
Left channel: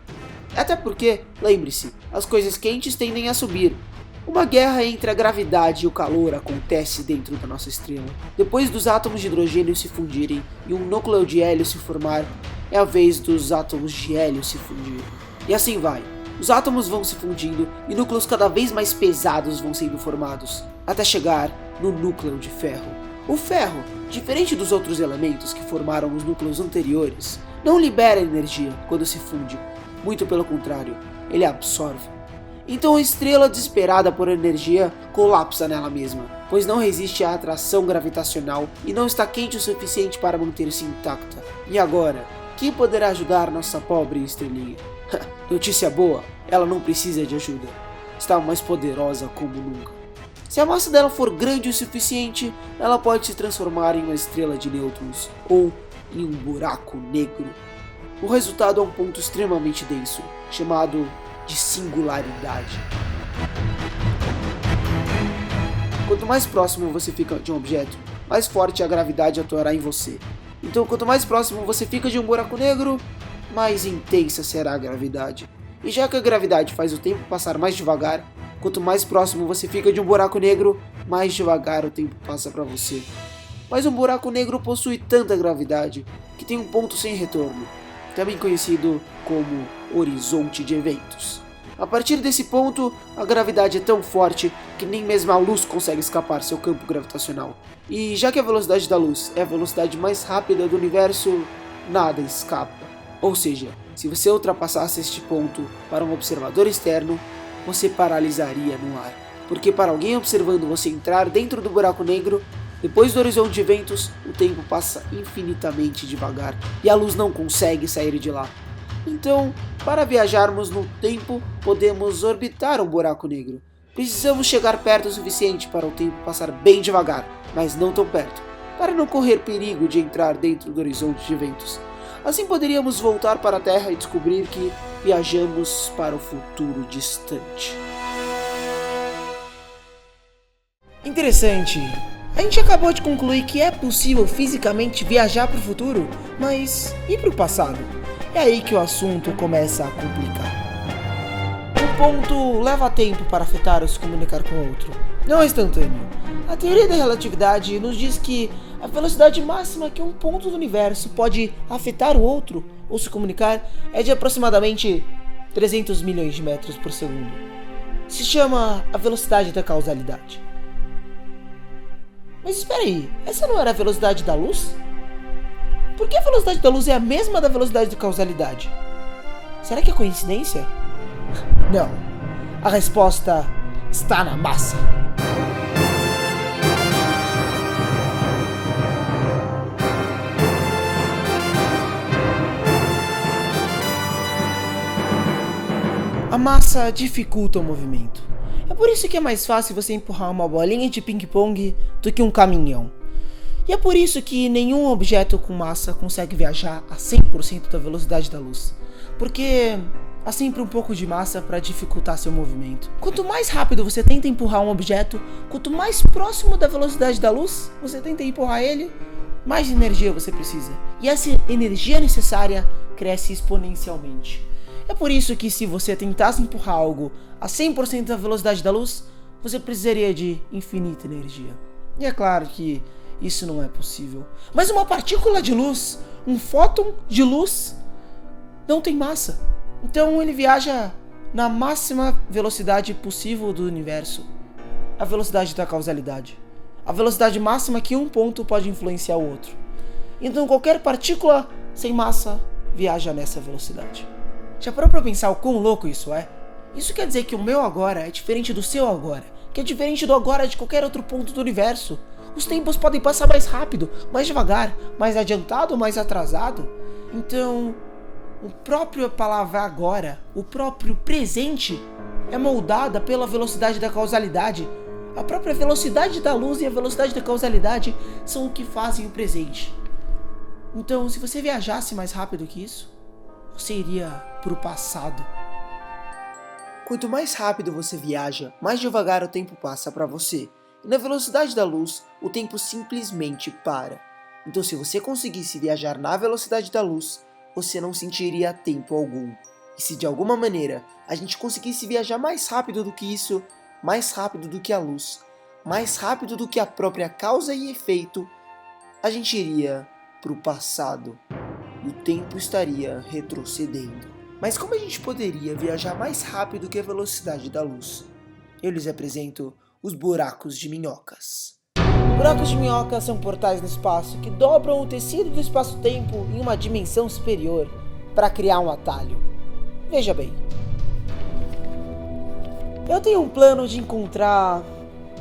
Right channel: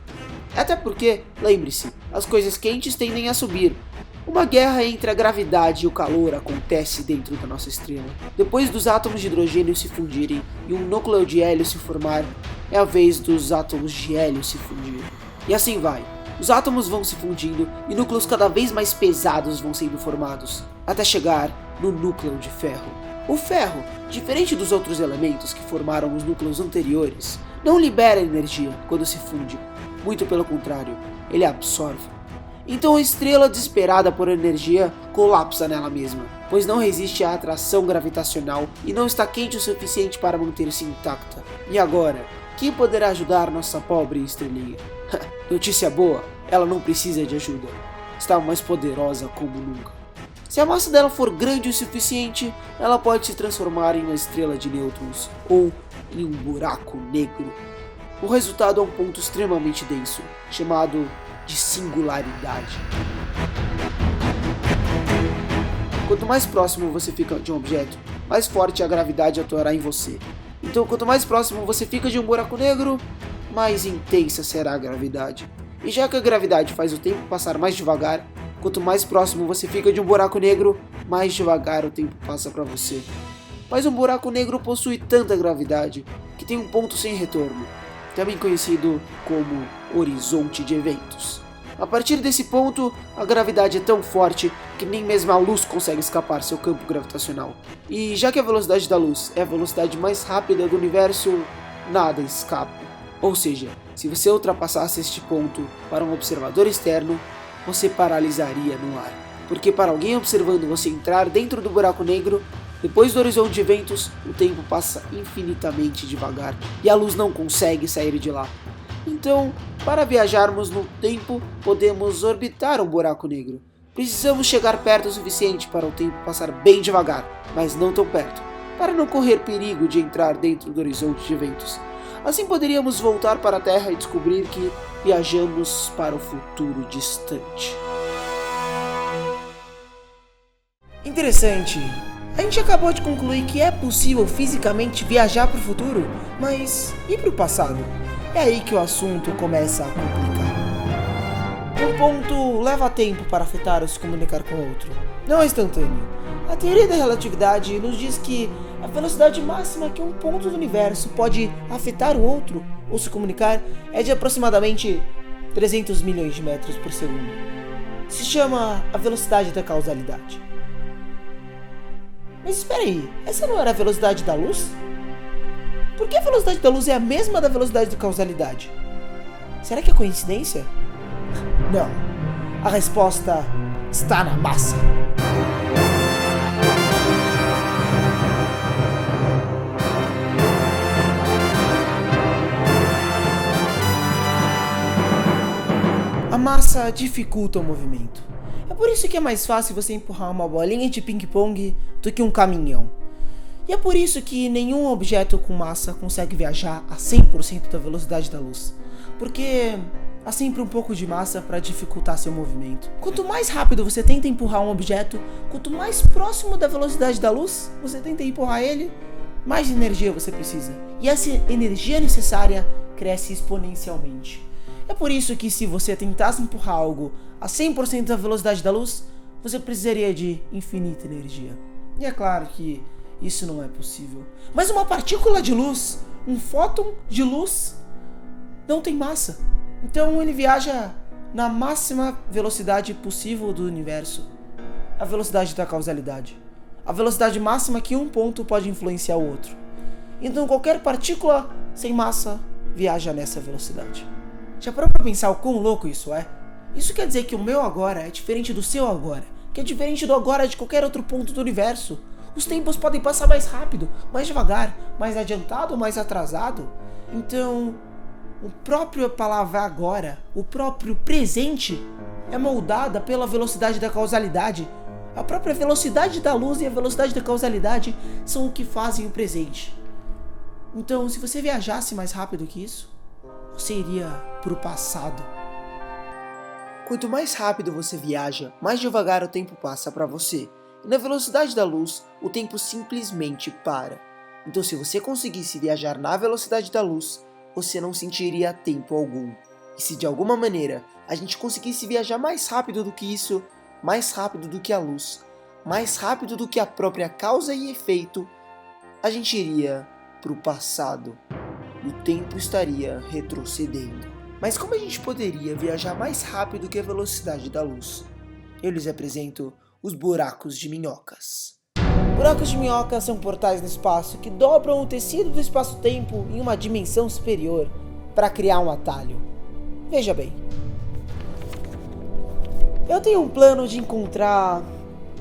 Até porque, lembre-se, as coisas quentes tendem a subir. Uma guerra entre a gravidade e o calor acontece dentro da nossa estrela. Depois dos átomos de hidrogênio se fundirem e um núcleo de hélio se formar, é a vez dos átomos de hélio se fundirem. E assim vai. Os átomos vão se fundindo e núcleos cada vez mais pesados vão sendo formados, até chegar no núcleo de ferro. O ferro, diferente dos outros elementos que formaram os núcleos anteriores, não libera energia quando se funde, muito pelo contrário, ele absorve. Então a estrela desesperada por energia colapsa nela mesma, pois não resiste à atração gravitacional e não está quente o suficiente para manter-se intacta. E agora, quem poderá ajudar nossa pobre estrelinha? Notícia boa, ela não precisa de ajuda. Está mais poderosa como nunca. Se a massa dela for grande o suficiente, ela pode se transformar em uma estrela de nêutrons ou em um buraco negro. O resultado é um ponto extremamente denso, chamado de singularidade. Quanto mais próximo você fica de um objeto, mais forte a gravidade atuará em você. Então, quanto mais próximo você fica de um buraco negro, mais intensa será a gravidade. E já que a gravidade faz o tempo passar mais devagar, quanto mais próximo você fica de um buraco negro, mais devagar o tempo passa para você. Mas um buraco negro possui tanta gravidade que tem um ponto sem retorno, também conhecido como horizonte de eventos. A partir desse ponto, a gravidade é tão forte que nem mesmo a luz consegue escapar seu campo gravitacional. E já que a velocidade da luz é a velocidade mais rápida do universo, nada escapa. Ou seja, se você ultrapassasse este ponto para um observador externo, você paralisaria no ar. Porque para alguém observando você entrar dentro do buraco negro, depois do horizonte de eventos, o tempo passa infinitamente devagar e a luz não consegue sair de lá. Então, para viajarmos no tempo, podemos orbitar um buraco negro. Precisamos chegar perto o suficiente para o tempo passar bem devagar, mas não tão perto, para não correr perigo de entrar dentro do horizonte de eventos. Assim poderíamos voltar para a Terra e descobrir que viajamos para o futuro distante. Interessante. A gente acabou de concluir que é possível fisicamente viajar para o futuro, mas e para o passado? É aí que o assunto começa a complicar. Um ponto leva tempo para afetar ou se comunicar com outro. Não é instantâneo. A teoria da relatividade nos diz que a velocidade máxima que um ponto do universo pode afetar o outro ou se comunicar é de aproximadamente 300 milhões de metros por segundo. Se chama a velocidade da causalidade. Mas espera aí, essa não era a velocidade da luz? Por que a velocidade da luz é a mesma da velocidade da causalidade? Será que é coincidência? Não. A resposta está na massa. A massa dificulta o movimento. É por isso que é mais fácil você empurrar uma bolinha de ping-pong do que um caminhão. E é por isso que nenhum objeto com massa consegue viajar a 100% da velocidade da luz. Porque há sempre um pouco de massa para dificultar seu movimento. Quanto mais rápido você tenta empurrar um objeto, quanto mais próximo da velocidade da luz você tenta empurrar ele, mais energia você precisa. E essa energia necessária cresce exponencialmente. É por isso que se você tentasse empurrar algo a 100% da velocidade da luz, você precisaria de infinita energia. E é claro que isso não é possível. Mas uma partícula de luz, um fóton de luz, não tem massa. Então ele viaja na máxima velocidade possível do universo. A velocidade da causalidade. A velocidade máxima que um ponto pode influenciar o outro. Então qualquer partícula sem massa viaja nessa velocidade. Já parou pra pensar o quão louco isso é? Isso quer dizer que o meu agora é diferente do seu agora, que é diferente do agora de qualquer outro ponto do universo. Os tempos podem passar mais rápido, mais devagar, mais adiantado ou mais atrasado. Então, o próprio palavra agora, o próprio presente, é moldada pela velocidade da causalidade. A própria velocidade da luz e a velocidade da causalidade são o que fazem o presente. Então, se você viajasse mais rápido que isso, você iria pro passado. Quanto mais rápido você viaja, mais devagar o tempo passa para você. E na velocidade da luz, o tempo simplesmente para. Então se você conseguisse viajar na velocidade da luz, você não sentiria tempo algum. E se de alguma maneira a gente conseguisse viajar mais rápido do que isso, mais rápido do que a luz, mais rápido do que a própria causa e efeito, a gente iria pro passado. O tempo estaria retrocedendo. Mas como a gente poderia viajar mais rápido que a velocidade da luz? Eu lhes apresento os buracos de minhocas. Buracos de minhoca são portais no espaço que dobram o tecido do espaço-tempo em uma dimensão superior para criar um atalho. Veja bem. Eu tenho um plano de encontrar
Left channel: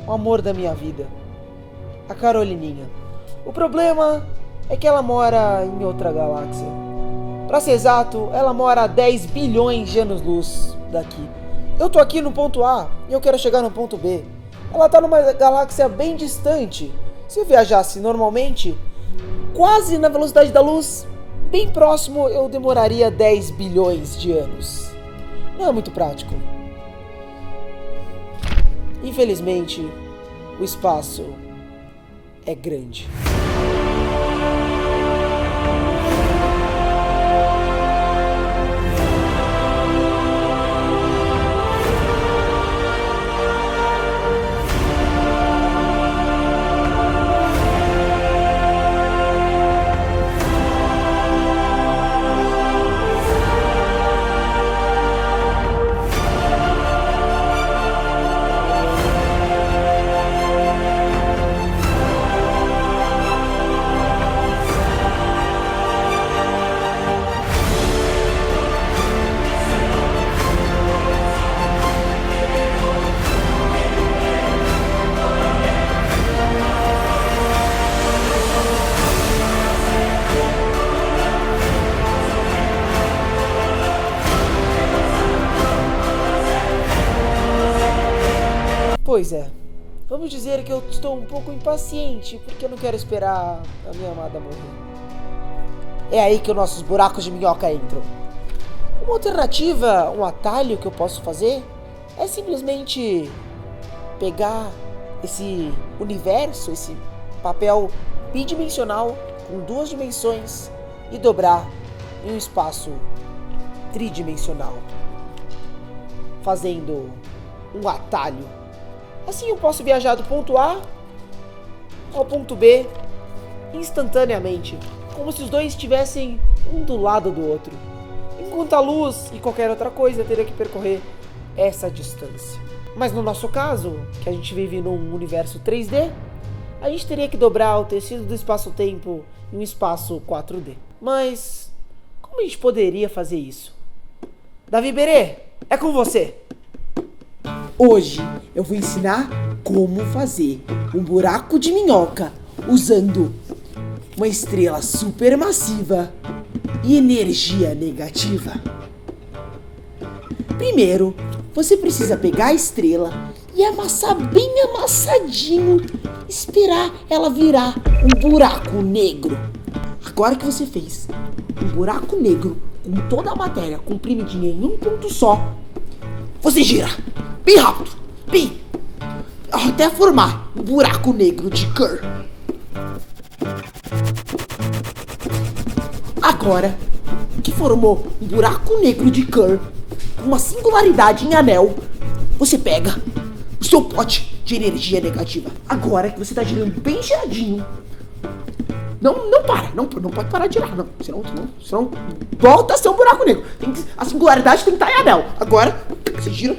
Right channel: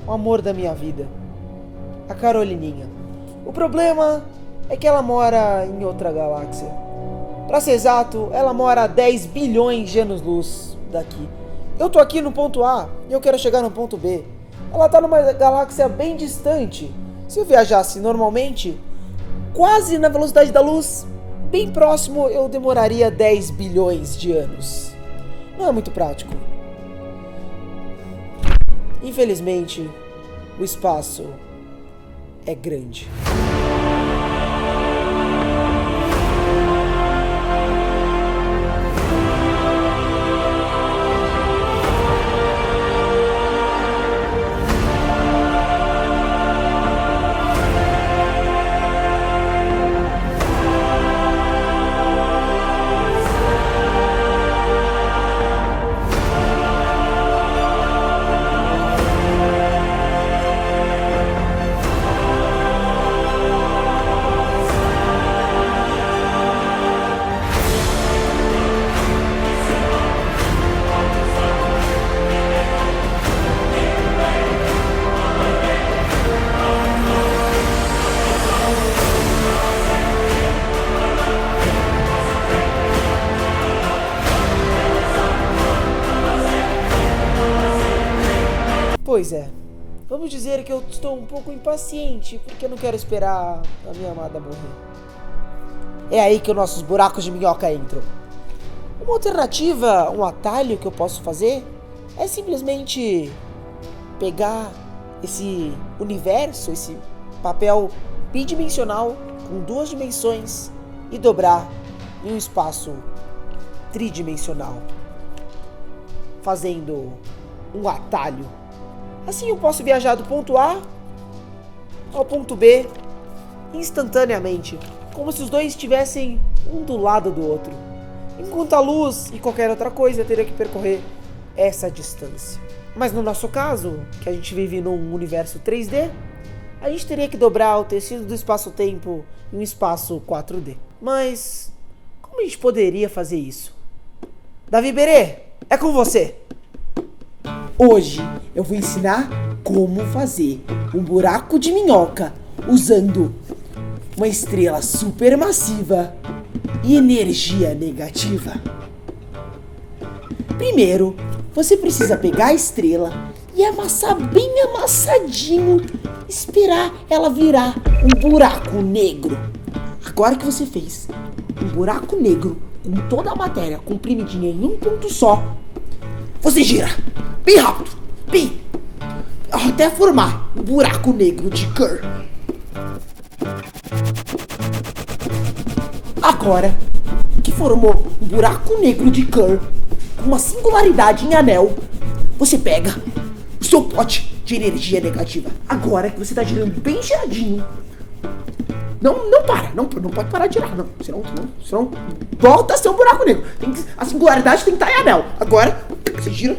o amor da minha vida, a Carolininha. O problema é que ela mora em outra galáxia. Para ser exato, ela mora a 10 bilhões de anos-luz daqui. Eu tô aqui no ponto A e eu quero chegar no ponto B. Ela tá numa galáxia bem distante. Se eu viajasse normalmente, quase na velocidade da luz, bem próximo, eu demoraria 10 bilhões de anos. Não é muito prático. Infelizmente, o espaço é grande. Pois é, vamos dizer que eu estou um pouco impaciente, porque eu não quero esperar a minha amada morrer. É aí que os nossos buracos de minhoca entram. Uma alternativa, um atalho que eu posso fazer é simplesmente pegar esse universo, esse papel bidimensional com 2 dimensões e dobrar em um espaço tridimensional, fazendo um atalho. Assim eu posso viajar do ponto A ao ponto B instantaneamente, como se os dois estivessem um do lado do outro, enquanto a luz e qualquer outra coisa teria que percorrer essa distância. Mas no nosso caso, que a gente vive num universo 3D, a gente teria que dobrar o tecido do espaço-tempo em um espaço 4D. Mas como a gente poderia fazer isso? Davi Berê, é com você! Hoje eu vou ensinar como fazer um buraco de minhoca usando uma estrela supermassiva e energia negativa. Primeiro, você precisa pegar a estrela e amassar bem amassadinho, esperar ela virar um buraco negro. Agora que você fez um buraco negro com toda a matéria comprimidinha em um ponto só, você gira bem rápido, bem, até formar um buraco negro de Kerr. Agora que formou um buraco negro de Kerr com uma singularidade em anel, você pega o seu pote de energia negativa. Agora que você está girando bem giradinho, não para, não pode parar de girar, não. Senão volta a ser um buraco negro. A singularidade tem que estar em anel. Agora você gira,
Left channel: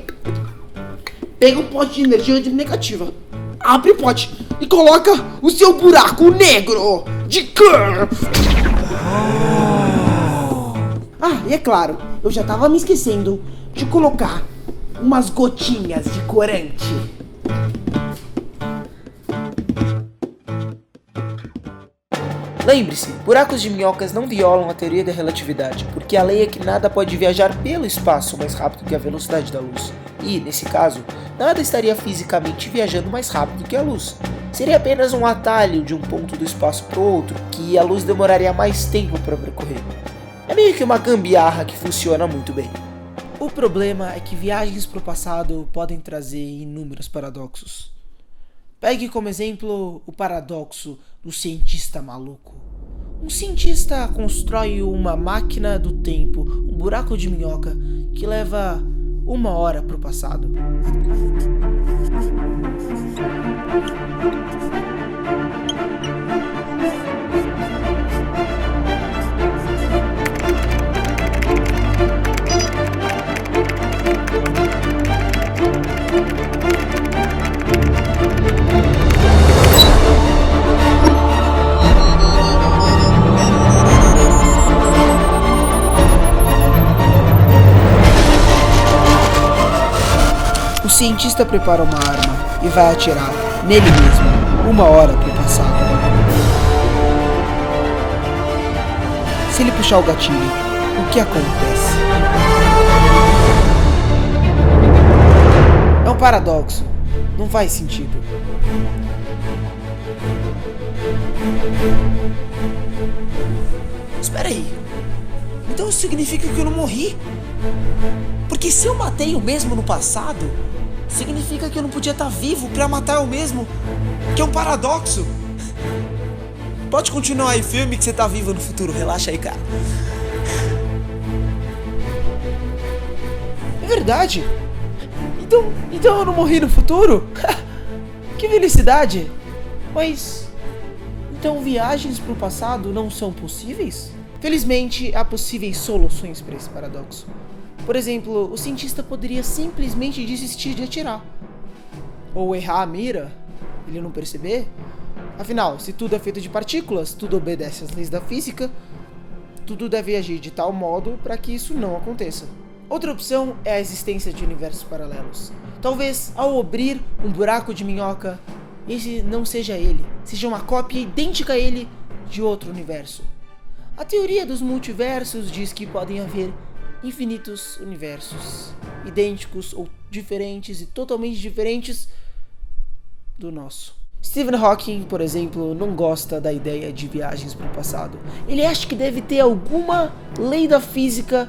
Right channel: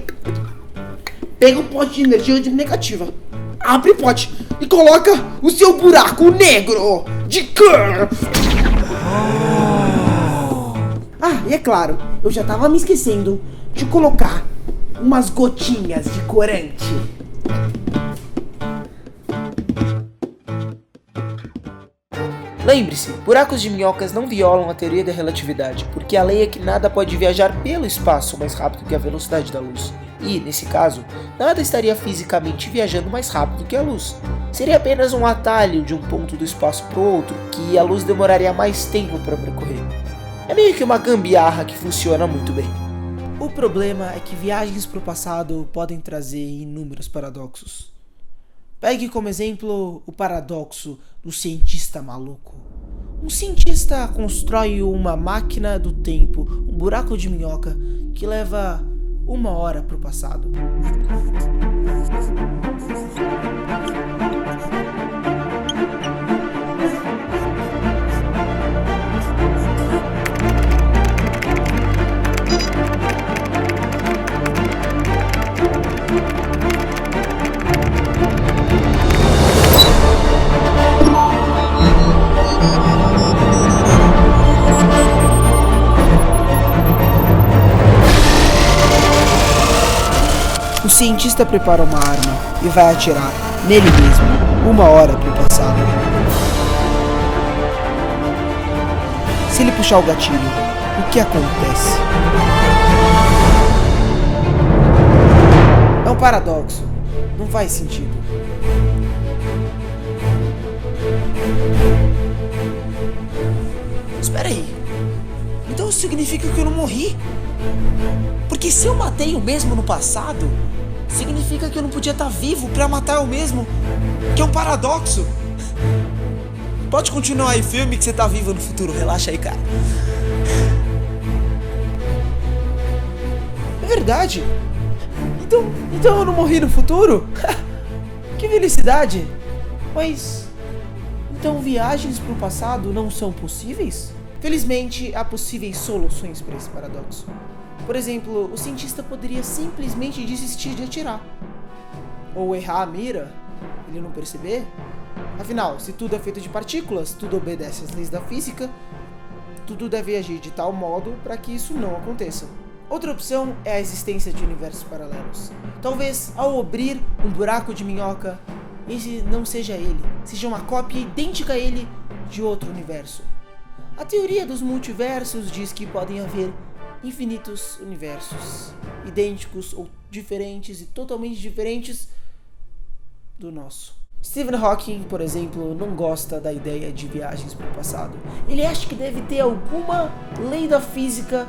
pega o pote de energia negativa, abre o pote e coloca o seu buraco negro de Kerr. Ah, e é claro, eu já tava me esquecendo de colocar umas gotinhas de corante. Lembre-se, buracos de minhocas não violam a teoria da relatividade, porque a lei é que nada pode viajar pelo espaço mais rápido que a velocidade da luz. E, nesse caso, nada estaria fisicamente viajando mais rápido que a luz. Seria apenas um atalho de um ponto do espaço para o outro, que a luz demoraria mais tempo para percorrer. É meio que uma gambiarra que funciona muito bem. O problema é que viagens para o passado podem trazer inúmeros paradoxos. Pegue como exemplo o paradoxo do cientista maluco. Um cientista constrói uma máquina do tempo, um buraco de minhoca, que leva 1 hora para o passado. cientista prepara uma arma e vai atirar nele mesmo 1 hora pro passado. Se ele puxar o gatilho, o que acontece? É um paradoxo. Não faz sentido. Espera aí. Então isso significa que eu não morri? Porque se eu matei eu mesmo no passado, significa que eu não podia estar vivo pra matar eu mesmo, que é um paradoxo. Pode continuar aí, filme, que você tá vivo no futuro. Relaxa aí, cara. É verdade. Então eu não morri no futuro? Que felicidade. Mas então viagens pro passado não são possíveis? Felizmente, há possíveis soluções para esse paradoxo. Por exemplo, o cientista poderia simplesmente desistir de atirar. Ou errar a mira, ele não perceber. Afinal, se tudo é feito de partículas, tudo obedece às leis da física, tudo deve agir de tal modo para que isso não aconteça. Outra opção é a existência de universos paralelos. Talvez, ao abrir um buraco de minhoca, esse não seja ele, seja uma cópia idêntica a ele de outro universo. A teoria dos multiversos diz que podem haver infinitos universos, idênticos ou diferentes e totalmente diferentes do nosso. Stephen Hawking, por exemplo, não gosta da ideia de viagens para o passado. Ele acha que deve ter alguma lei da física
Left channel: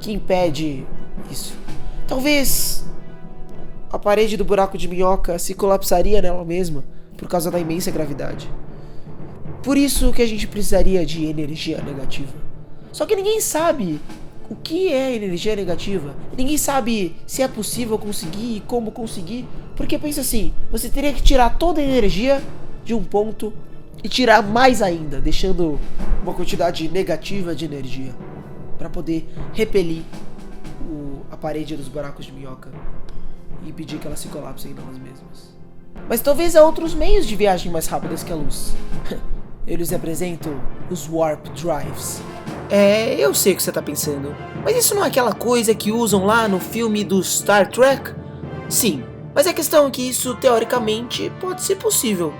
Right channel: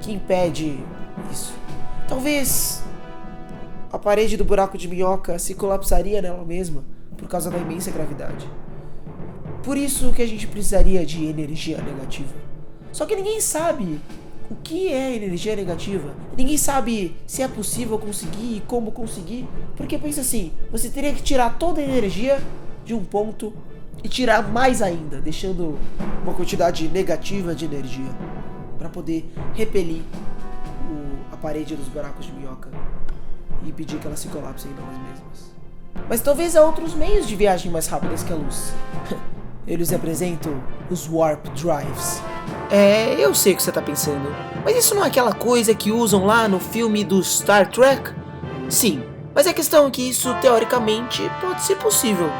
que impede isso. Talvez a parede do buraco de minhoca se colapsaria nela mesma por causa da imensa gravidade. Por isso que a gente precisaria de energia negativa. Só que ninguém sabe o que é energia negativa. Ninguém sabe se é possível conseguir e como conseguir. Porque pensa assim, você teria que tirar toda a energia de um ponto e tirar mais ainda, deixando uma quantidade negativa de energia para poder repelir a parede dos buracos de minhoca e impedir que elas se colapsem nelas mesmas. Mas talvez há outros meios de viagem mais rápidas que a luz. Eles representam os Warp Drives. Eu sei o que você tá pensando, mas isso não é aquela coisa que usam lá no filme do Star Trek? Sim, mas a questão é que isso teoricamente pode ser possível.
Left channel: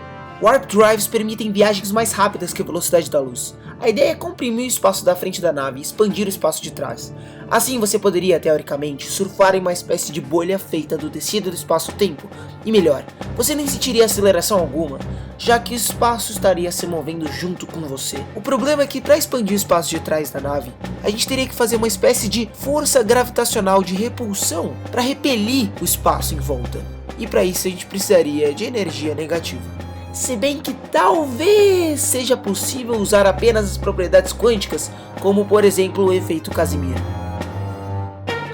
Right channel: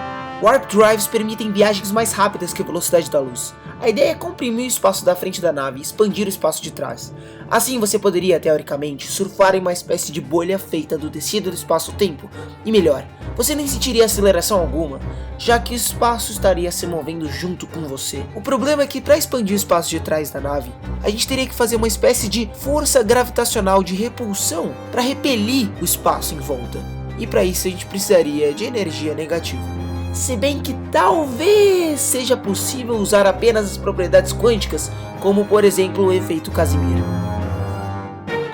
Warp Drives permitem viagens mais rápidas que a velocidade da luz. A ideia é comprimir o espaço da frente da nave e expandir o espaço de trás. Assim você poderia, teoricamente, surfar em uma espécie de bolha feita do tecido do espaço-tempo. E melhor, você nem sentiria aceleração alguma, já que o espaço estaria se movendo junto com você. O problema é que para expandir o espaço de trás da nave, a gente teria que fazer uma espécie de força gravitacional de repulsão para repelir o espaço em volta. E para isso a gente precisaria de energia negativa. Se bem que talvez seja possível usar apenas as propriedades quânticas, como por exemplo o efeito Casimir.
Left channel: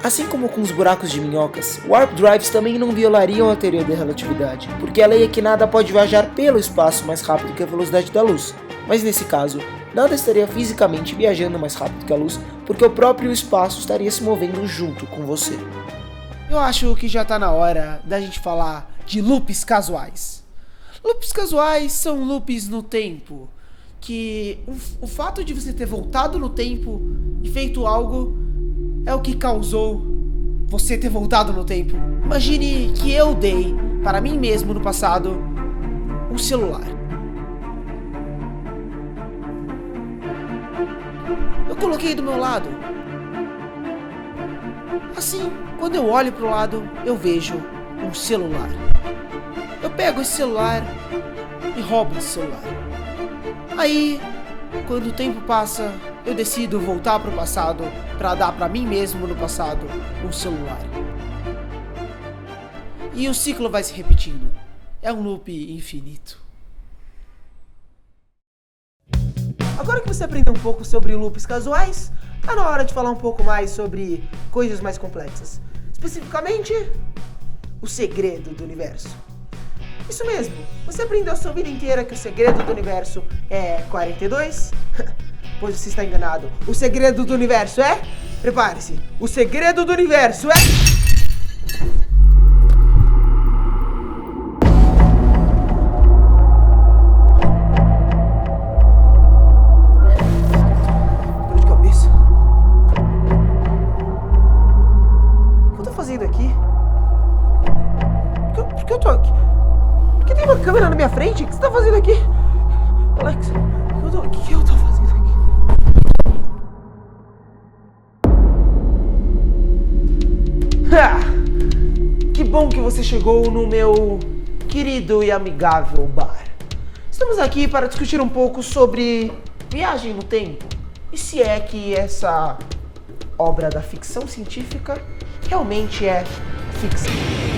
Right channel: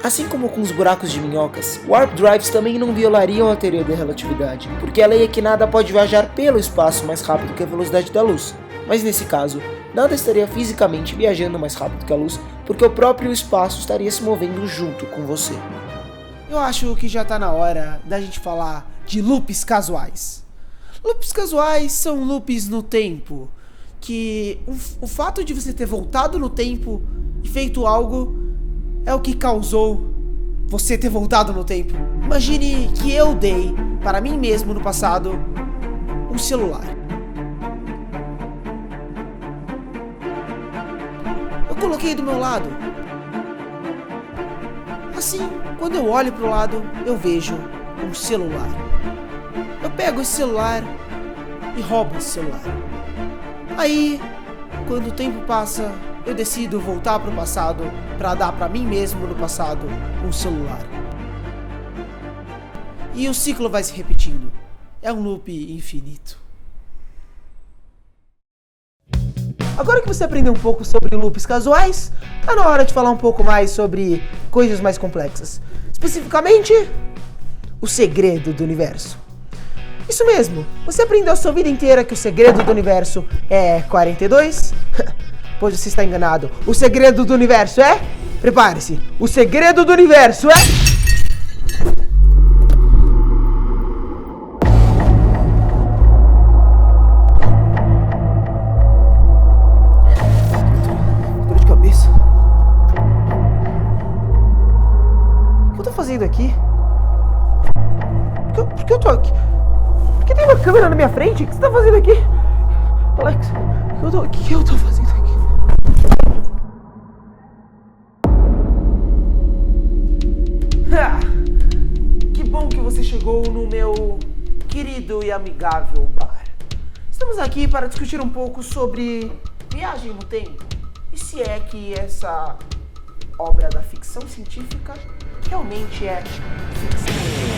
Assim como com os buracos de minhocas, Warp Drives também não violariam a teoria da relatividade, porque a lei é que nada pode viajar pelo espaço mais rápido que a velocidade da luz. Mas nesse caso, nada estaria fisicamente viajando mais rápido que a luz, porque o próprio espaço estaria se movendo junto com você. Eu acho que já tá na hora da gente falar de loops casuais. Loops casuais são loops no tempo, que o fato de você ter voltado no tempo e feito algo é o que causou você ter voltado no tempo. Imagine que eu dei para mim mesmo no passado um celular. Eu coloquei do meu lado. Assim, quando eu olho para o lado, eu vejo um celular. Eu pego esse celular e roubo esse celular. Aí, quando o tempo passa, eu decido voltar para o passado para dar para mim mesmo no passado um celular. E o ciclo vai se repetindo. É um loop infinito. Agora que você aprendeu um pouco sobre loops casuais, tá na hora de falar um pouco mais sobre coisas mais complexas. Especificamente, o segredo do universo. Isso mesmo, você aprendeu a sua vida inteira que o segredo do universo é 42? Pois você está enganado. O segredo do universo é... Prepare-se, o segredo do universo é... Dor de cabeça. O que eu tô fazendo aqui? frente? O que você tá fazendo aqui? Alex, o que eu tô fazendo aqui? Que bom que você chegou no meu querido e amigável bar. Estamos aqui para discutir um pouco sobre viagem no tempo. E se é que essa obra da ficção científica realmente é ficção.